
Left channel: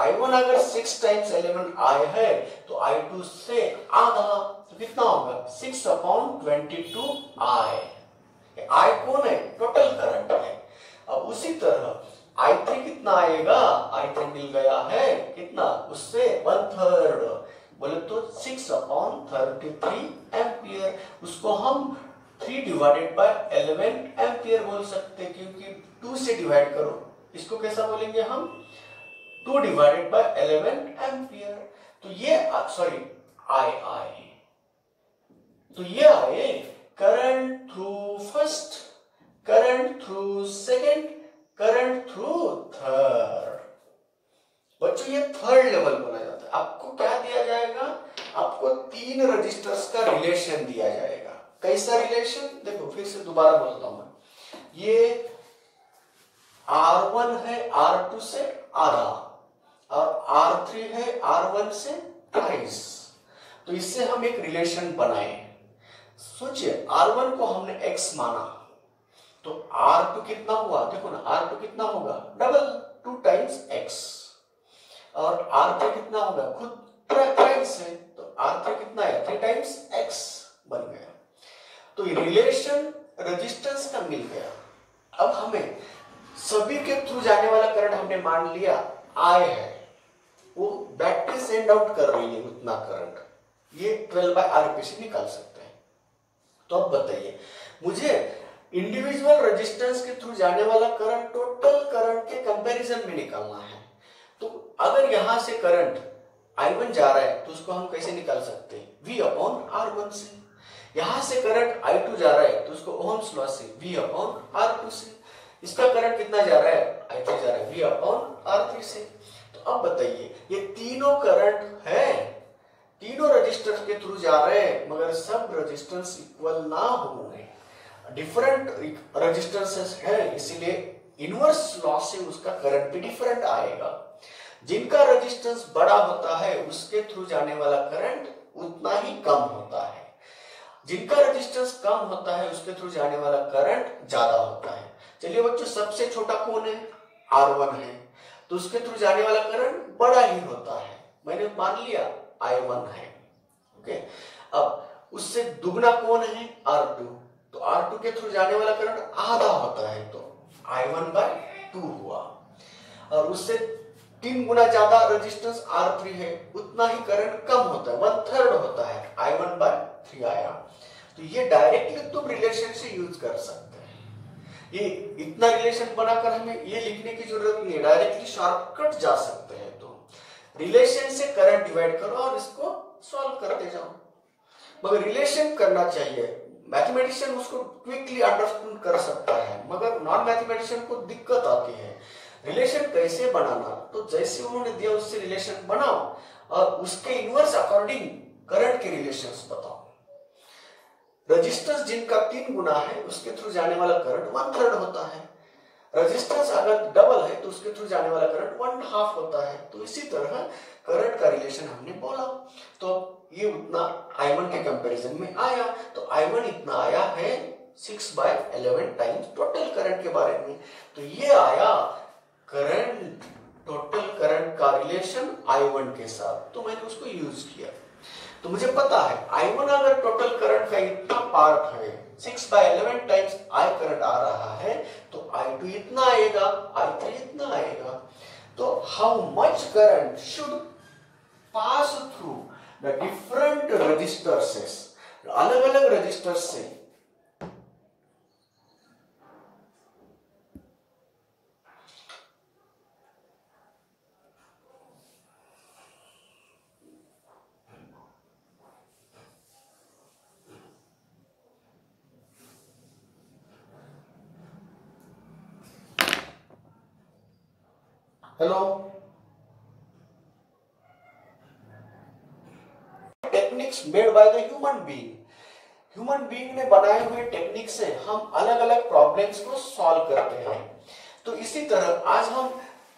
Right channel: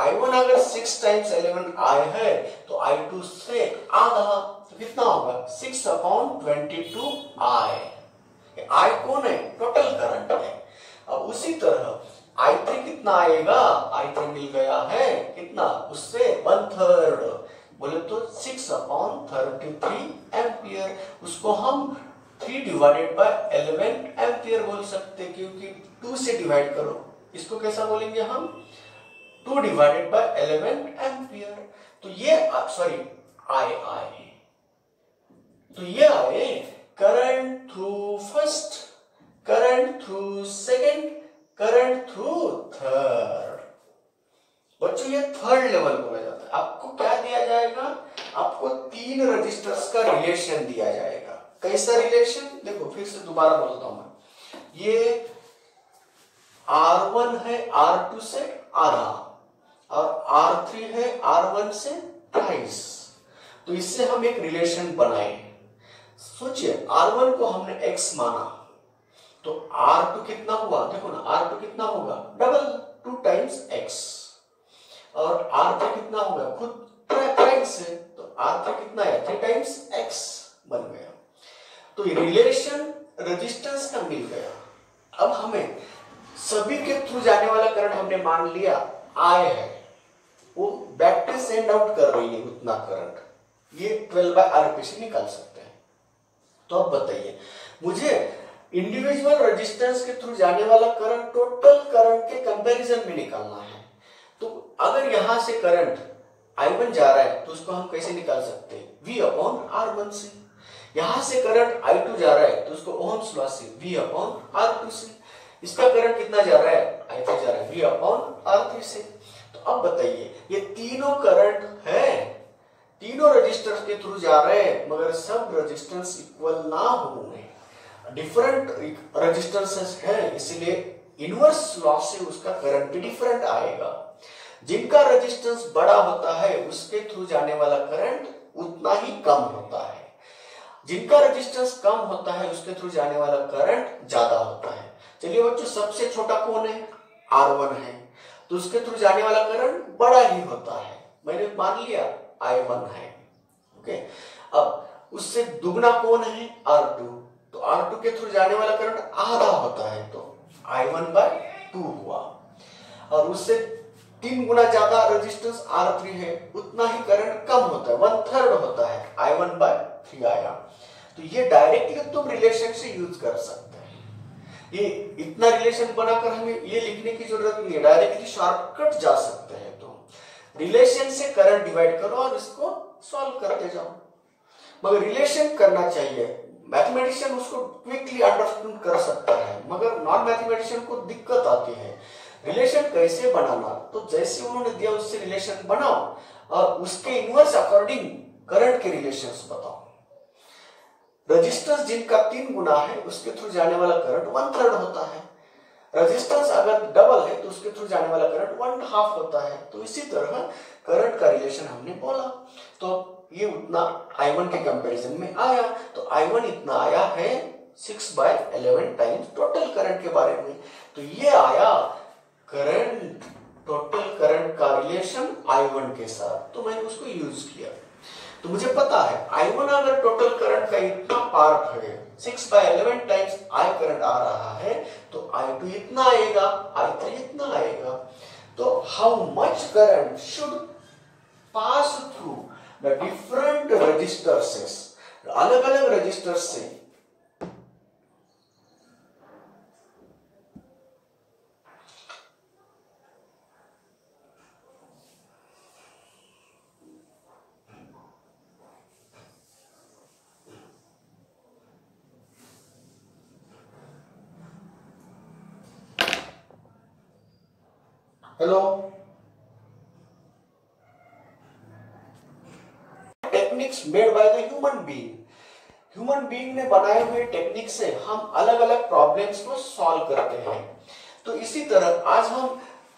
I1 अगर 6 टाइम्स 11 I है तो I2 से आधा, तो कितना होगा 6/22 I कौन है, टोटल करंट है। अब उसी तरह I3 कितना आएगा, I3 मिल गया है कितना, उससे 1/3 बोले तो 6/33 एम्पियर। उसको हम 3/11 एम्पियर बोल सकते, क्योंकि 2 से डिवाइड करो, इसको कैसा बोलेंगे हम 2/11 एम्पियर। तो ये सॉरी I तो ये आए current through first, current through second, current through third. बच्चों ये थर्ड लेवल बोला जाता है। आपको क्या दिया जाएगा, आपको 3 रजिस्टर्स का रिलेशन दिया जाएगा। कैसा रिलेशन, देखो फिर से दोबारा बोलता हूं, ये R1 है R2 से आधा और R3 है R1 से 2.5। तो इससे हम एक रिलेशन बनाए। सोचिए R1 को हमने x माना, तो R2 कितना हुआ, देखो ना R2 कितना होगा डबल 2 टाइम्स x, और R3 कितना होगा खुद टाइम्स है, तो R3 कितना है 3 टाइम्स x बन गया। तो रिलेशन रेजिस्टेंस का मिल गया। अब हमें सभी के थ्रू जाने वाला करंट हमने मान लिया I है, वो बैटरी सेंड आउट कर रही है उतना करंट, ये 12/RP से निकाल सकते हैं। तो अब बताइए मुझे इंडिविजुअल रेजिस्टेंस के थ्रू जाने वाला करंट टोटल करंट के कंपैरिजन में निकालना है। तो अगर यहां से करंट I1 जा रहा है तो उसको हम कैसे निकाल सकते हैं, V/R1 से। यहां से करंट I2 जा रहा है तो उसको ओहम्स लॉ से V/R2 से। इसका करंट कितना जा रहा है, I3 जा रहा है V/R3 से। तो अब बताइए ये तीनों करंट है, तीनों रेजिस्टर्स के थ्रू जा रहे हैं, मगर सब रेजिस्टेंस इक्वल ना होंगे, डिफरेंट रेजिस्टेंसेस है, इसलिए इनवर्स लॉ से उसका करंट भी डिफरेंट आएगा। जिनका रेजिस्टेंस बड़ा होता है उसके थ्रू जाने वाला करंट उतना ही कम होता है, जिनका रेजिस्टेंस कम होता है उसके थ्रू जाने वाला करंट ज्यादा होता है। चलिए बच्चों सबसे छोटा कौन है, R1 है, तो उसके थ्रू जाने वाला करंट बड़ा ही होता है, मैंने मान लिया I1 है। ओके, अब उससे दुगना कौन है R2, तो R2 के थ्रू जाने वाला करंट आधा होता है, तो I1/2 हुआ। और उससे 3 गुना ज्यादा रेजिस्टेंस R3 है, उतना ही करंट कम होता है, 1/3 होता है, I1/3 आया। तो ये डायरेक्टली तुम रिलेशन से यूज कर सकते हैं। ये इतना रिलेशन बनाकर हमें ये लिखने की जरूरत नहीं है, डायरेक्टली शॉर्टकट जा सकते हैं। तो रिलेशन से करंट डिवाइड करो और इसको सॉल्व करते जाओ, मगर रिलेशन करना चाहिए। मैथमेटिशियन उसको क्विकली अंडरस्टैंड कर सकता है, मगर नॉन मैथमेटिशियन को दिक्कत आती है रिलेशन कैसे बनाना। तो जैसे उन्होंने दिया उससे रिलेशन बनाओ और उसके इनवर्स अकॉर्डिंग करंट के रिलेशंस बताओ। रेजिस्टेंस जिनका 3 गुना है उसके थ्रू जाने वाला करंट 1/3 होता है, रेजिस्टेंस अगर डबल है तो उसके थ्रू जाने वाला करंट 1/2 होता है। तो इसी तरह करंट का रिलेशन हमने बोला, तो ये उतना I1 के कंपैरिजन में आया। तो I1 इतना आया है 6/11 टाइम्स टोटल करंट के बारे में। तो ये आया करंट, टोटल करंट का रिलेशन I1 के साथ, तो मैंने उसको यूज किया। तो मुझे पता है I1 अगर टोटल करंट का इतना पार्ट है, 6/11 टाइम्स I करंट आ रहा है, तो I2 इतना आएगा, I3 इतना आएगा। तो how much current should pass through the different register से, अलग अलग रजिस्टर से hello techniques made by the human being ने बनाए हुए टेक्निक से हम अलग अलग प्रॉब्लम्स को सॉल्व करते हैं। तो इसी तरह आज हम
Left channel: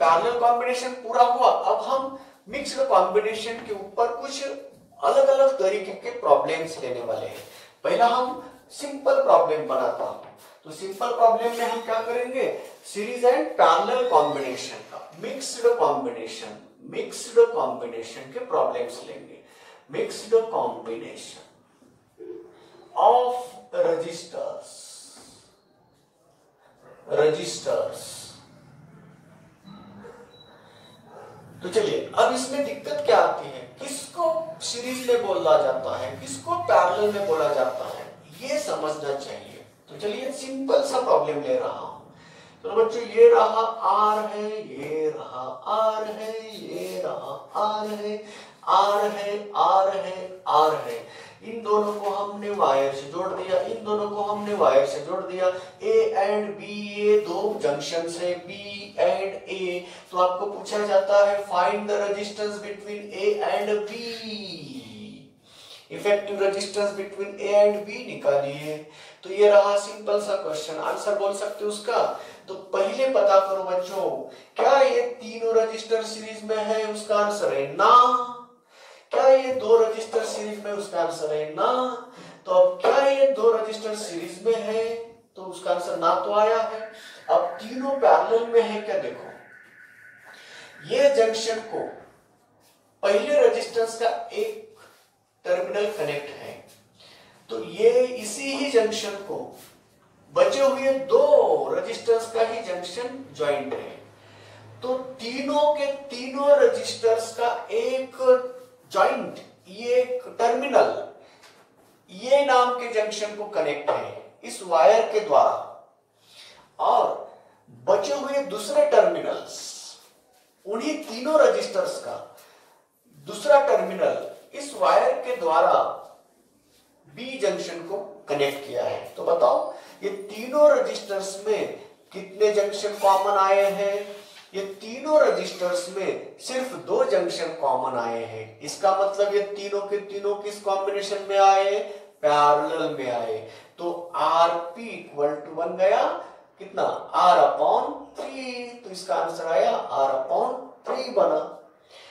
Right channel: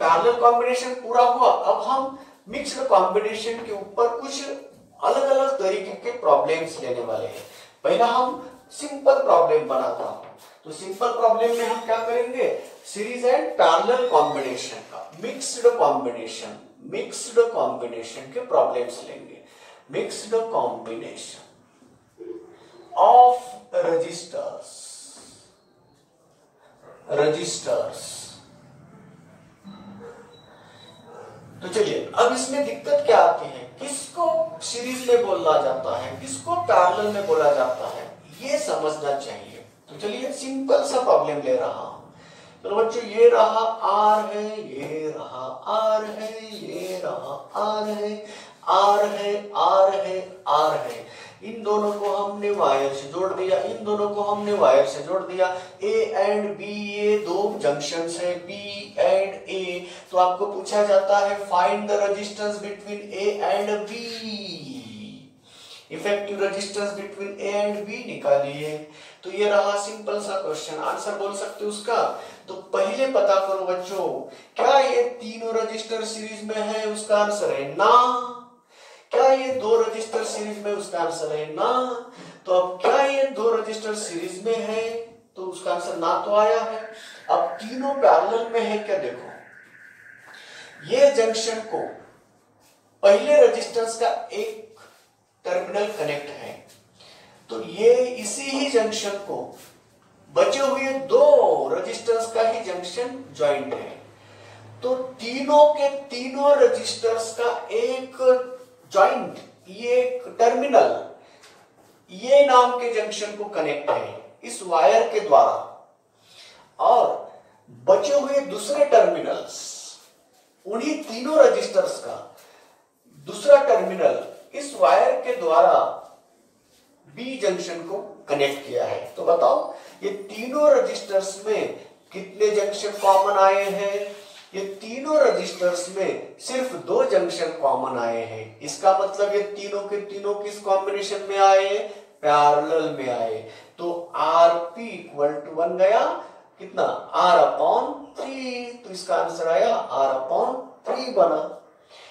पैरेलल कॉम्बिनेशन पूरा हुआ, अब हम मिक्स्ड कॉम्बिनेशन के ऊपर कुछ अलग अलग तरीके के प्रॉब्लम्स लेने वाले हैं। पहला हम सिंपल प्रॉब्लम बनाता हूं, तो सिंपल प्रॉब्लम में हम क्या करेंगे, सीरीज एंड पैरेलल कॉम्बिनेशन का मिक्स्ड कॉम्बिनेशन के प्रॉब्लम्स लेंगे। Mixed combination of resistors. तो चलिए अब इसमें दिक्कत क्या आती है, किसको सीरीज में बोला जाता है, किसको पैरेलल में बोला जाता है, ये समझना चाहिए। तो चलिए सिंपल सा प्रॉब्लम ले रहा हूं। तो बच्चों ये रहा आर है, ये रहा आर है, ये रहा आर है, आर है, आर है, आर है। इन दोनों को हमने वायर से जोड़ दिया, इन दोनों को हमने वायर से जोड़ दिया। ए एंड बी, ये दो जंक्शन है बी एंड ए। तो आपको पूछा जाता है find the resistance between A and B, effective resistance between A and B निकालिए। तो ये रहा सिंपल सा क्वेश्चन, आंसर बोल सकते हो उसका। तो पहले पता करो बच्चों, क्या ये तीनों रजिस्टर सीरीज में है, उसका आंसर है ना। क्या ये दो रजिस्टर सीरीज में, उसका आंसर है ना। तो अब क्या ये दो रजिस्टर सीरीज में है, तो उसका आंसर ना तो आया है। अब तीनों पैरेलल में है क्या, देखो ये जंक्शन को पहले रजिस्टर्स का एक टर्मिनल कनेक्ट है, तो ये इसी ही जंक्शन को बचे हुए दो रजिस्टर्स का ही जंक्शन ज्वाइंट है। तो तीनों के तीनों रजिस्टर्स का एक ज्वाइंट, ये टर्मिनल, ये नाम के जंक्शन को कनेक्ट है इस वायर के द्वारा, और बचे हुए दूसरे टर्मिनल्स, उन्हीं तीनों रजिस्टर्स का दूसरा टर्मिनल इस वायर के द्वारा बी जंक्शन को कनेक्ट किया है। तो बताओ ये तीनों रजिस्टर्स में कितने जंक्शन कॉमन आए हैं, ये तीनों रजिस्टर्स में सिर्फ दो जंक्शन कॉमन आए हैं। इसका मतलब ये तीनों के तीनों किस कॉम्बिनेशन में आए, पैरेलल में आए। तो आरपी इक्वल टू बन गया कितना, आर अपॉन 3। तो इसका आंसर आया आर अपॉन 3 बना।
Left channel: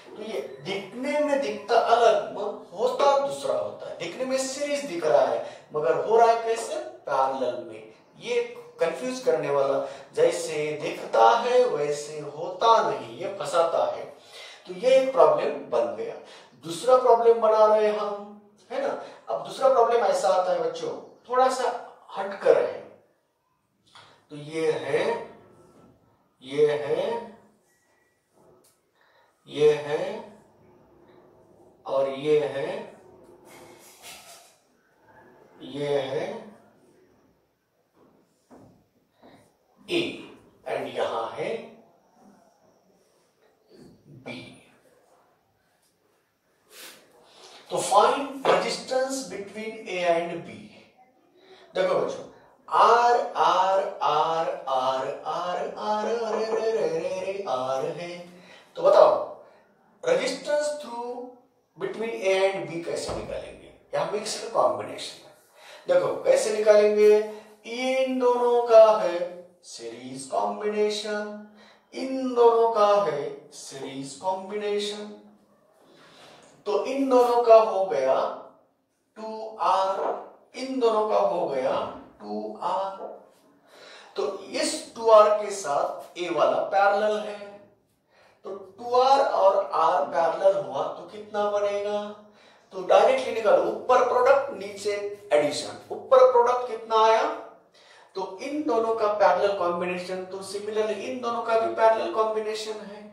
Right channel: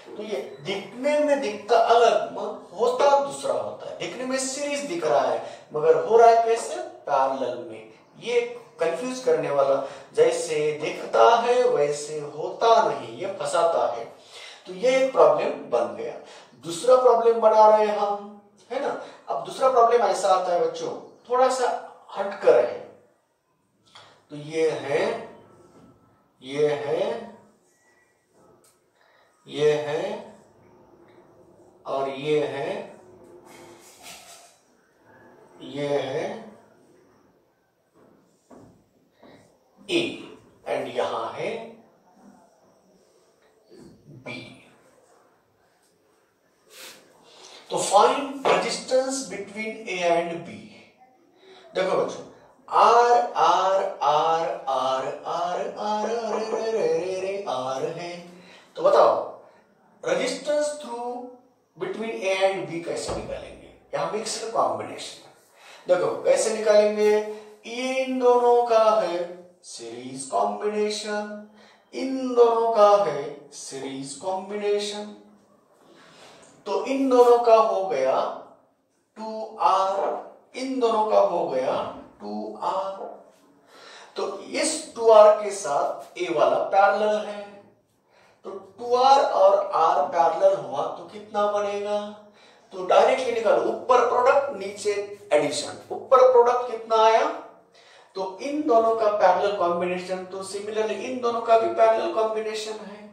तो ये दिखने में दिखता अलग, होता दूसरा होता है। दिखने में सीरीज दिख रहा है मगर हो रहा है कैसे, पैरेलल में। ये कंफ्यूज करने वाला, जैसे दिखता है वैसे होता नहीं, ये फंसाता है। तो ये एक प्रॉब्लम बन गया। दूसरा प्रॉब्लम बना रहे हम, है ना। अब दूसरा प्रॉब्लम ऐसा आता है बच्चों, थोड़ा सा हटकर है। तो ये है, ये है, ये है और ये है, ये है ए एंड यहां है बी। तो find resistance between A and B. देखो बच्चों, R R R R R R R है। तो बताओ resistance through between A and B कैसे निकालेंगे, यहां मिक्स्ड कॉम्बिनेशन है। देखो कैसे निकालेंगे, इन दोनों का है सीरीज कॉम्बिनेशन, इन दोनों का है सीरीज कॉम्बिनेशन। तो इन दोनों का हो गया 2R, इन दोनों का हो गया 2R। तो इस 2R के साथ A वाला पैरेलल है, तो 2R और R पैरेलल हुआ तो कितना बनेगा। तो डायरेक्टली निकालो, ऊपर प्रोडक्ट नीचे एडिशन। ऊपर प्रोडक्ट कितना आया, तो इन दोनों का पैरेलल कॉम्बिनेशन, तो सिमिलरली इन दोनों का भी पैरेलल कॉम्बिनेशन है।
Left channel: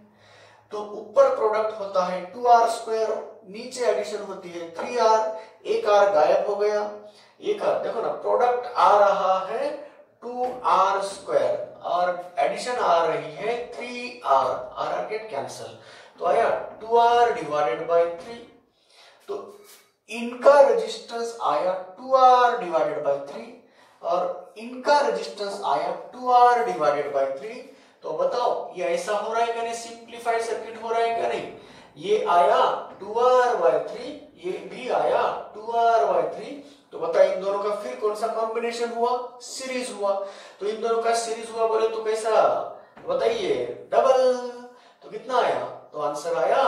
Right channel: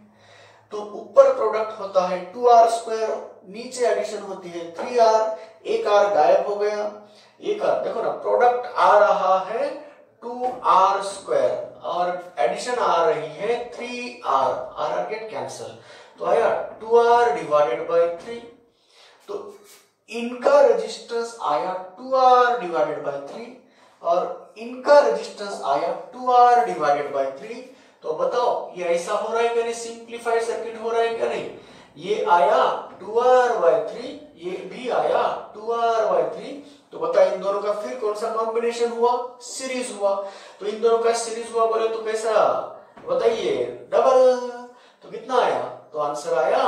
तो ऊपर प्रोडक्ट होता है 2r², नीचे एडिशन होती है 3r, एक r गायब हो गया, एक r, देखो ना प्रोडक्ट आ रहा है 2r² और एडिशन आ रही है 3r, r गेट कैंसल, तो आया 2r डिवाइडेड बाय 3, तो इनका रेजिस्टेंस आया 2r डिवाइडेड बाय 3 और इनका रेजिस्टेंस आया 2r डिवाइडेड बाय 3। तो बताओ ये ऐसा हो रहा है क्या नहीं, सिंप्लीफाइड सर्किट हो रहा है क्या नहीं, ये आया 2r/3, ये भी आया 2r/3, तो बता इन दोनों का फिर कौन सा कॉम्बिनेशन हुआ, सीरीज हुआ, तो इन दोनों का सीरीज हुआ बोले तो कैसा, बताइए डबल, तो कितना आया, तो आंसर आया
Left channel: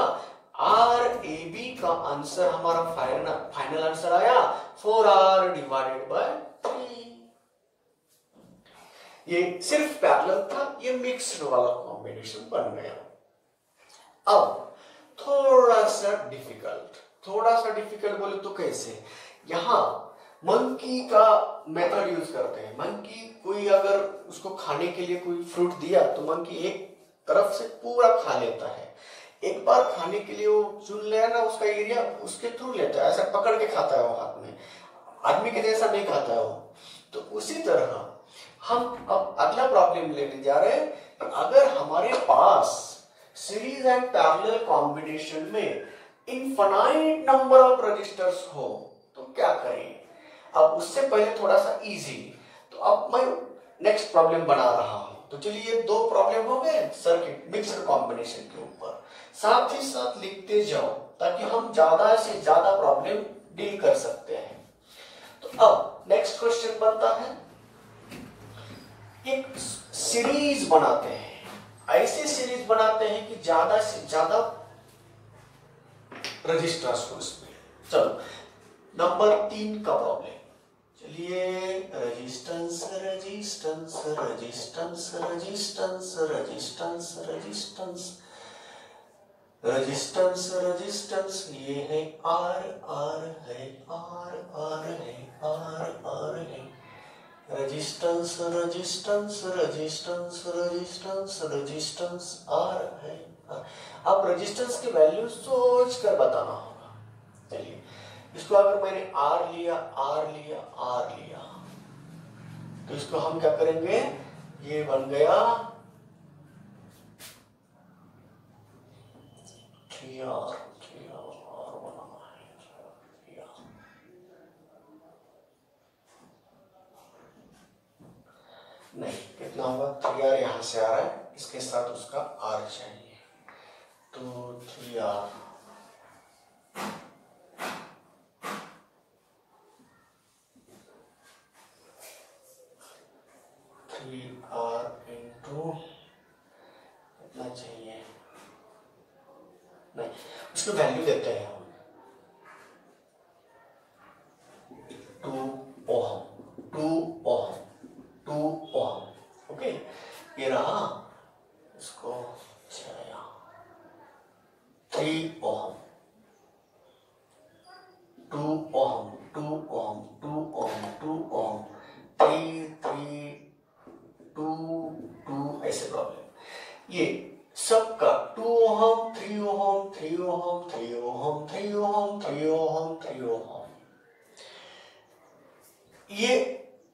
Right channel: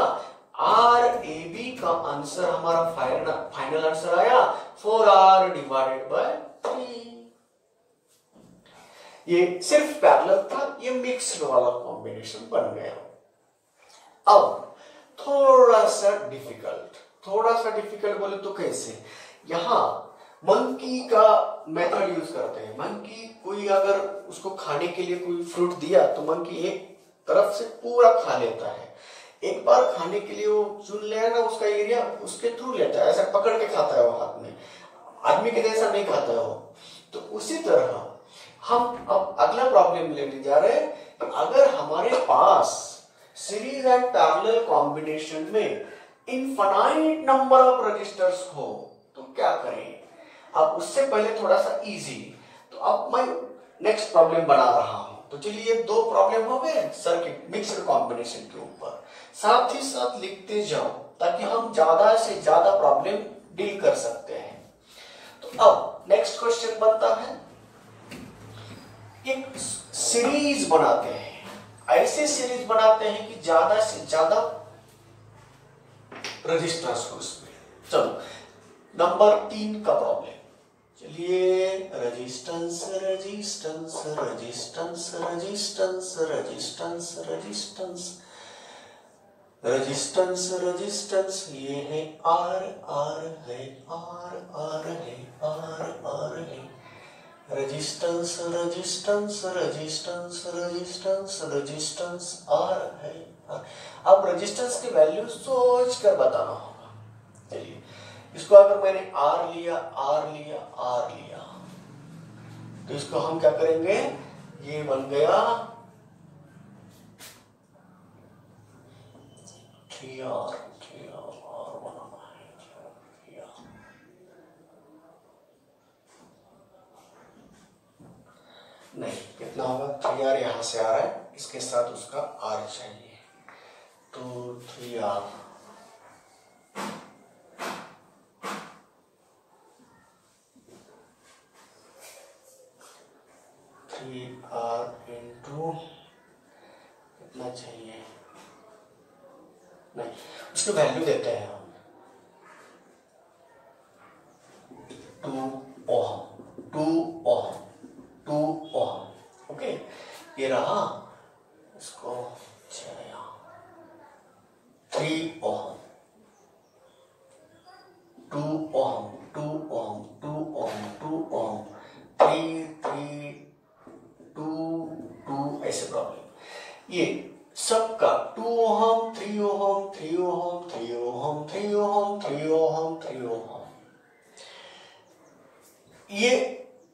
RAB का आंसर हमारा फाइनल आंसर आया 4r डिवाइडेड बाय 3। ये सिर्फ पैरेलल था, ये मिक्स्ड वाला कॉम्बिनेशन बन गया। अब थोड़ा सा डिफिकल्ट बोले तो कैसे, यहां मंकी का मेथड यूज करते हैं। मंकी कोई अगर उसको खाने के लिए कोई फ्रूट दिया तो मंकी एक तरफ से पूरा खा लेता है, एक बार खाने के लिए वो चुन लिया ना उसका एरिया, उसके थ्रू लेता है, ऐसा पकड़ के खाता है वो हाथ में, आदमी के जैसा नहीं खाता है वो। तो उसी तरह हम अब अगला प्रॉब्लम लेने जा रहे हैं कि अगर हमारे पास सीरीज एंड पैरेलल कॉम्बिनेशन में इनफाइनाइट नंबर ऑफ रजिस्टर्स हो तो क्या करें। अब उससे पहले थोड़ा सा इजी, तो अब मैं नेक्स्ट प्रॉब्लम बना रहा हूं, तो चलिए ये दो प्रॉब्लम हो गए सर्किट मिक्सड कॉम्बिनेशन के ऊपर, साथ ही साथ लिखते जाओ ताकि हम ज्यादा से ज्यादा प्रॉब्लम डील कर सकते हैं। तो अब नेक्स्ट क्वेश्चन बनता है, एक सीरीज बनाते हैं, ऐसे सीरीज बनाते हैं कि ज्यादा से ज्यादा रजिस्टर्स हो उसमें। चलो नंबर 3 का प्रॉब्लम, चलिए resistance resistance resistance resistance resistance resistance resistance resistance, ये है R R है, R R है, R R है, resistance resistance resistance resistance resistance R है। अब रेजिस्टेंस की वैल्यू सोच कर बताना होगा। चलिए इसको अगर मैंने R लिया, R लिया, R लिया, तो इसको हम क्या करेंगे, ये बन गया 3R, 3R बनाना है, 3R। नहीं कितना होगा, 3R यहां से आ रहा है, इसके साथ उसका R चाहिए, तो 3R इंटू कितना चाहिए, नहीं उसको वैल्यू देते हैं हम 2 ओम, 2 ओम, 2 ओम, ओके ये रहा, इसको 3 ओम, 2 ओम, 2 ओम, 2 ओम, 2 ओम, 3 3 2 2, ऐसे प्रॉब्लम। ये सबका 2 ओम, 3 ओम, 3 ओम, 3 ओम, 3 ओम, 3 ओम, 3 ओम, ये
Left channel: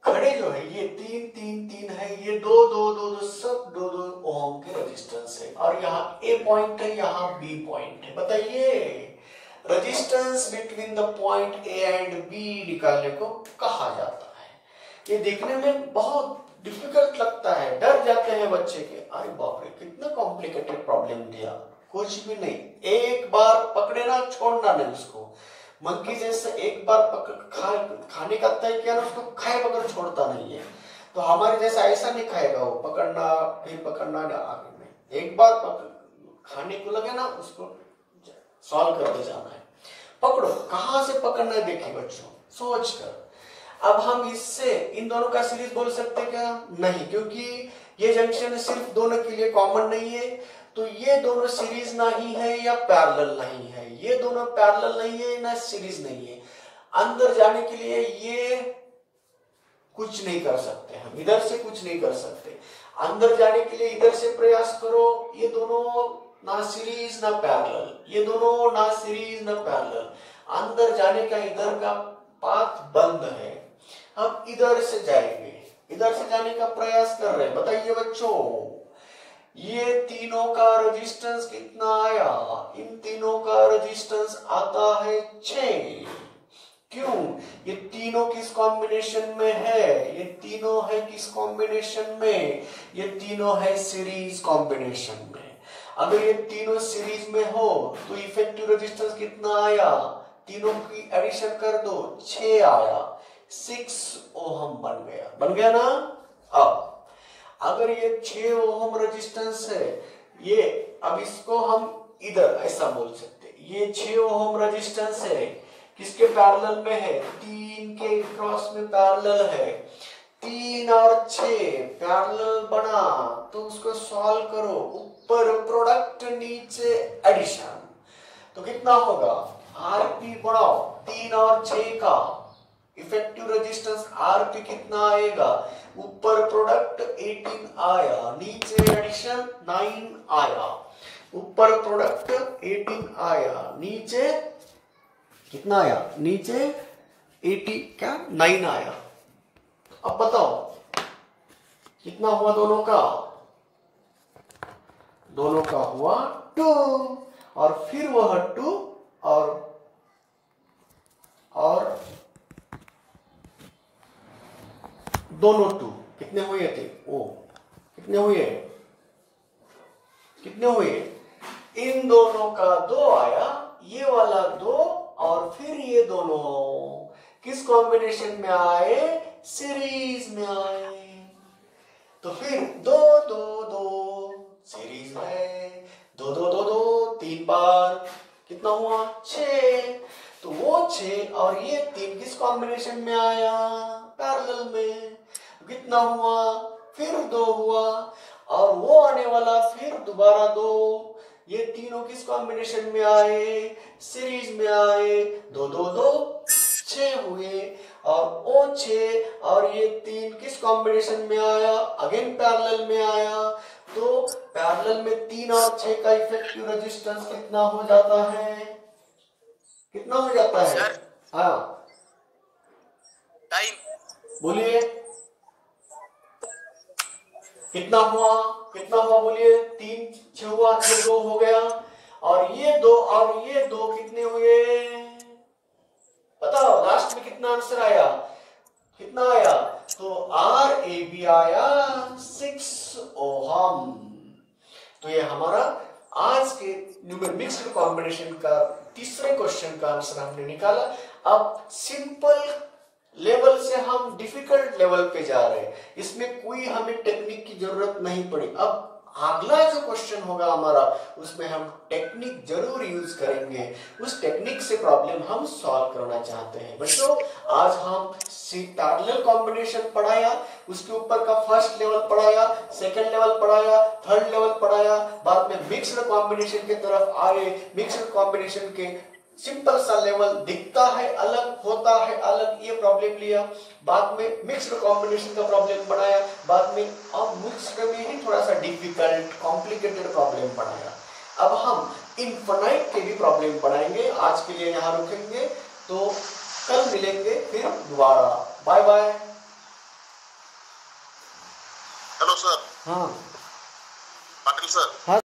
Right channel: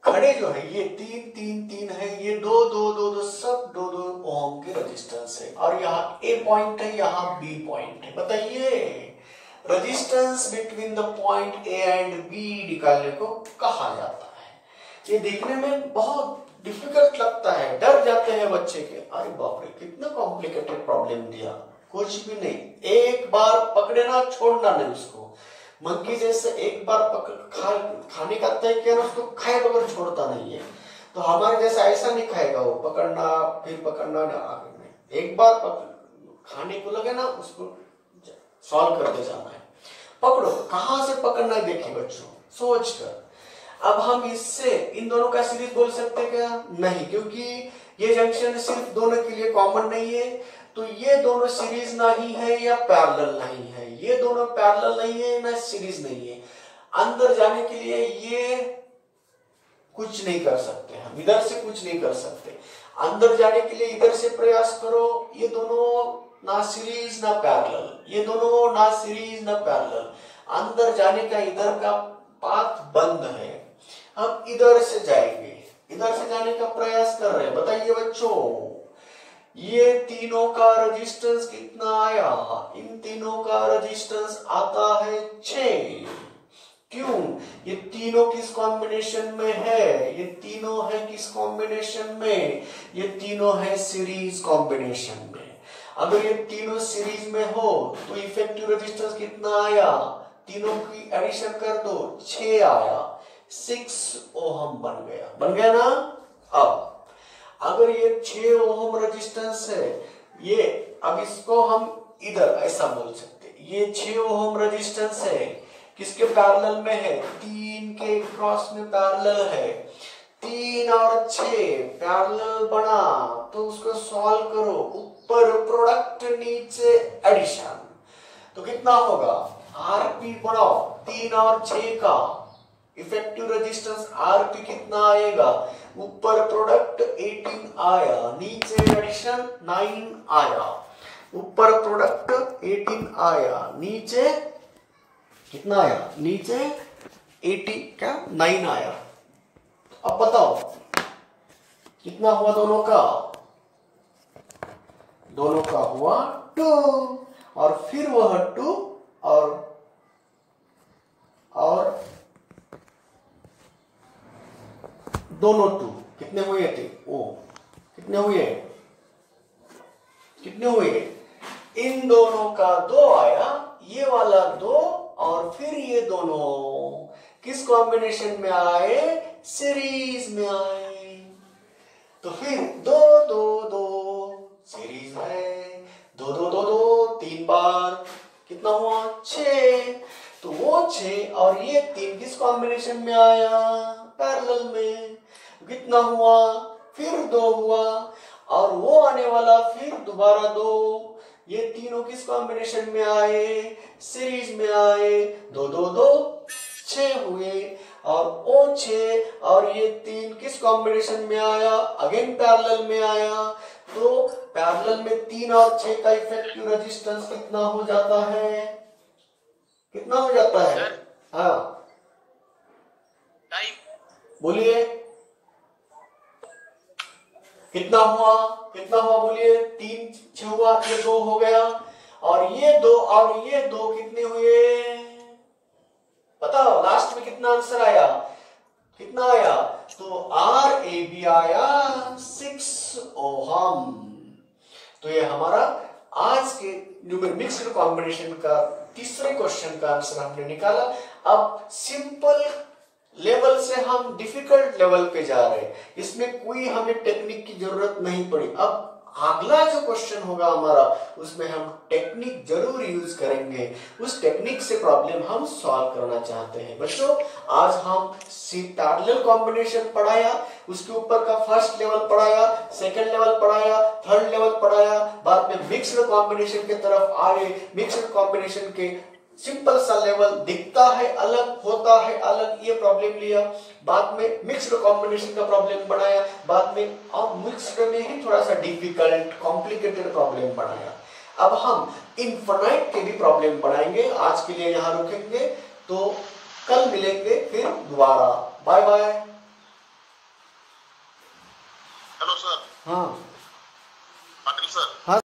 खड़े जो है ये 3 3 3 है, ये 2 2 2 2 सब 2 2 ओम के रेजिस्टेंस है, और यहाँ ए पॉइंट है, यहाँ बी पॉइंट है। बताइए resistance between the point A and B निकालने को कहा जाता है। ये देखने में बहुत डिफिकल्ट लगता है, डर जाते हैं बच्चे के, अरे बाप रे कितना कॉम्प्लिकेटेड प्रॉब्लम दिया, कुछ भी नहीं, एक बार पकड़े ना छोड़ना नहीं उसको, मंकी जैसे एक बार खाने का तय किया उसको खाए बगैर छोड़ता नहीं है, तो हमारे जैसा ऐसा नहीं खाएगा वो, पकड़ना फिर पकड़ना आगे में, एक बार खाने को लगे ना उसको सॉल्व करते जाना है। पकड़ो, कहां से पकड़ना है देखिए बच्चों सोच कर। अब हम इससे इन दोनों का सीरीज बोल सकते हैं क्या, नहीं, क्योंकि ये जंक्शन सिर्फ दोनों के लिए कॉमन नहीं है, तो ये दोनों सीरीज नहीं है या पैरेलल नहीं है, ये दोनों पैरेलल नहीं है ना सीरीज नहीं है। अंदर जाने के लिए ये कुछ नहीं कर सकते, हम इधर से कुछ नहीं कर सकते, अंदर जाने के लिए इधर से प्रयास करो, ये दोनों ना सीरीज ना पैरेलल, ये दोनों ना सीरीज ना पैरेलल। अंदर जाने का इधर का पाथ बंद है, हम इधर से जाएंगे, इधर से जाने का प्रयास कर रहे हैं। बताइए बच्चों, ये तीनों का रेजिस्टेंस कितना आया? इन तीनों का रेजिस्टेंस आता है 6। क्यों? ये तीनों किस कॉम्बिनेशन में है? ये तीनों है किस कॉम्बिनेशन में? ये तीनों है सीरीज कॉम्बिनेशन में। अगर ये तीनों सीरीज में हो तो इफेक्टिव रेजिस्टेंस कितना आया? तीनों की एडिशन कर दो, 6 आया, 6 ओहम बन गया ना। अब अगर ये 6 ओहम रेजिस्टेंस है, ये अब इसको हम इधर ऐसा बोल सकते, ये 6 ओहम रेजिस्टेंस है, किसके पैरेलल में है? 3 के क्रॉस में पैरेलल है। 3 और 6 पैरेलल बना तो उसको सॉल्व करो, ऊपर प्रोडक्ट नीचे एडिशन, तो कितना होगा? आरपी बढ़ाओ, 3 और 6 का इफेक्टिव रेजिस्टेंस आरपी कितना आएगा? ऊपर प्रोडक्ट 18 आया, नीचे एडिशन 9 आया। ऊपर प्रोडक्ट 18 आया, नीचे कितना आया? नीचे 80 का 9 आया। अब बताओ कितना हुआ दोनों का? दोनों का हुआ 2, और फिर वह 2 और दोनों 2 कितने हुए थे? ओ कितने हुए? कितने हुए? इन दोनों का 2 आया, ये वाला 2, और फिर ये दोनों किस कॉम्बिनेशन में आए? सीरीज में आए। तो फिर 2 2 2 सीरीज है, 2 2 2 2 3 बार कितना हुआ? 6। तो वो 6 और ये 3 किस कॉम्बिनेशन में आया? पैरेलल में। कितना हुआ? फिर 2 हुआ, और वो आने वाला फिर दोबारा 2। ये तीनों किस कॉम्बिनेशन में आए? सीरीज में आए। 2 2 2 6 हुए, और वो 6 और ये 3 किस कॉम्बिनेशन में आया? अगेन पैरेलल में आया। तो पैरेलल में 3 और 6 का इफेक्टिव रेजिस्टेंस कितना हो जाता है? कितना हो जाता है? हाँ बोलिए, कितना हुआ? कितना हुआ बोलिए? 3 6 हुआ, ये 2 हो गया, और ये 2 और ये 2 कितने हुए? बताओ लास्ट में कितना आंसर आया? कितना आया? तो आर ए बी आया 6 ओहम। तो ये हमारा आज के मिक्स्ड कॉम्बिनेशन का तीसरे क्वेश्चन का आंसर हमने निकाला। अब सिंपल लेवल से हम डिफिकल्ट लेवल पे जा रहे हैं, इसमें कोई हमें टेक्निक की जरूरत नहीं पड़ी। अब अगला जो क्वेश्चन होगा हमारा, उसमें हम टेक्निक जरूर यूज करेंगे, उस टेक्निक से प्रॉब्लम हम सॉल्व करना चाहते हैं। बच्चों आज हम पैरेलल कॉम्बिनेशन पढ़ाया, उसके ऊपर का फर्स्ट लेवल पढ़ाया, सेकंड लेवल पढ़ाया, थर्ड लेवल पढ़ाया, बाद में मिक्स्ड कॉम्बिनेशन की तरफ आए। मिक्स्ड कॉम्बिनेशन के सिंपल सा लेवल दिखता है अलग, होता है अलग, ये प्रॉब्लम लिया। बाद में मिक्स्ड कॉम्बिनेशन का प्रॉब्लम बनाया, बाद में अब मिक्स्ड में ही थोड़ा सा डिफिकल्ट कॉम्प्लिकेटेड प्रॉब्लम बनाया। अब हम इनफाइनाइट के भी प्रॉब्लम बनाएंगे। आज के लिए यहाँ रुकेंगे, तो कल मिलेंगे फिर दोबारा। Bye bye. Hello sir. हाँ पाटिल सर। हाँ।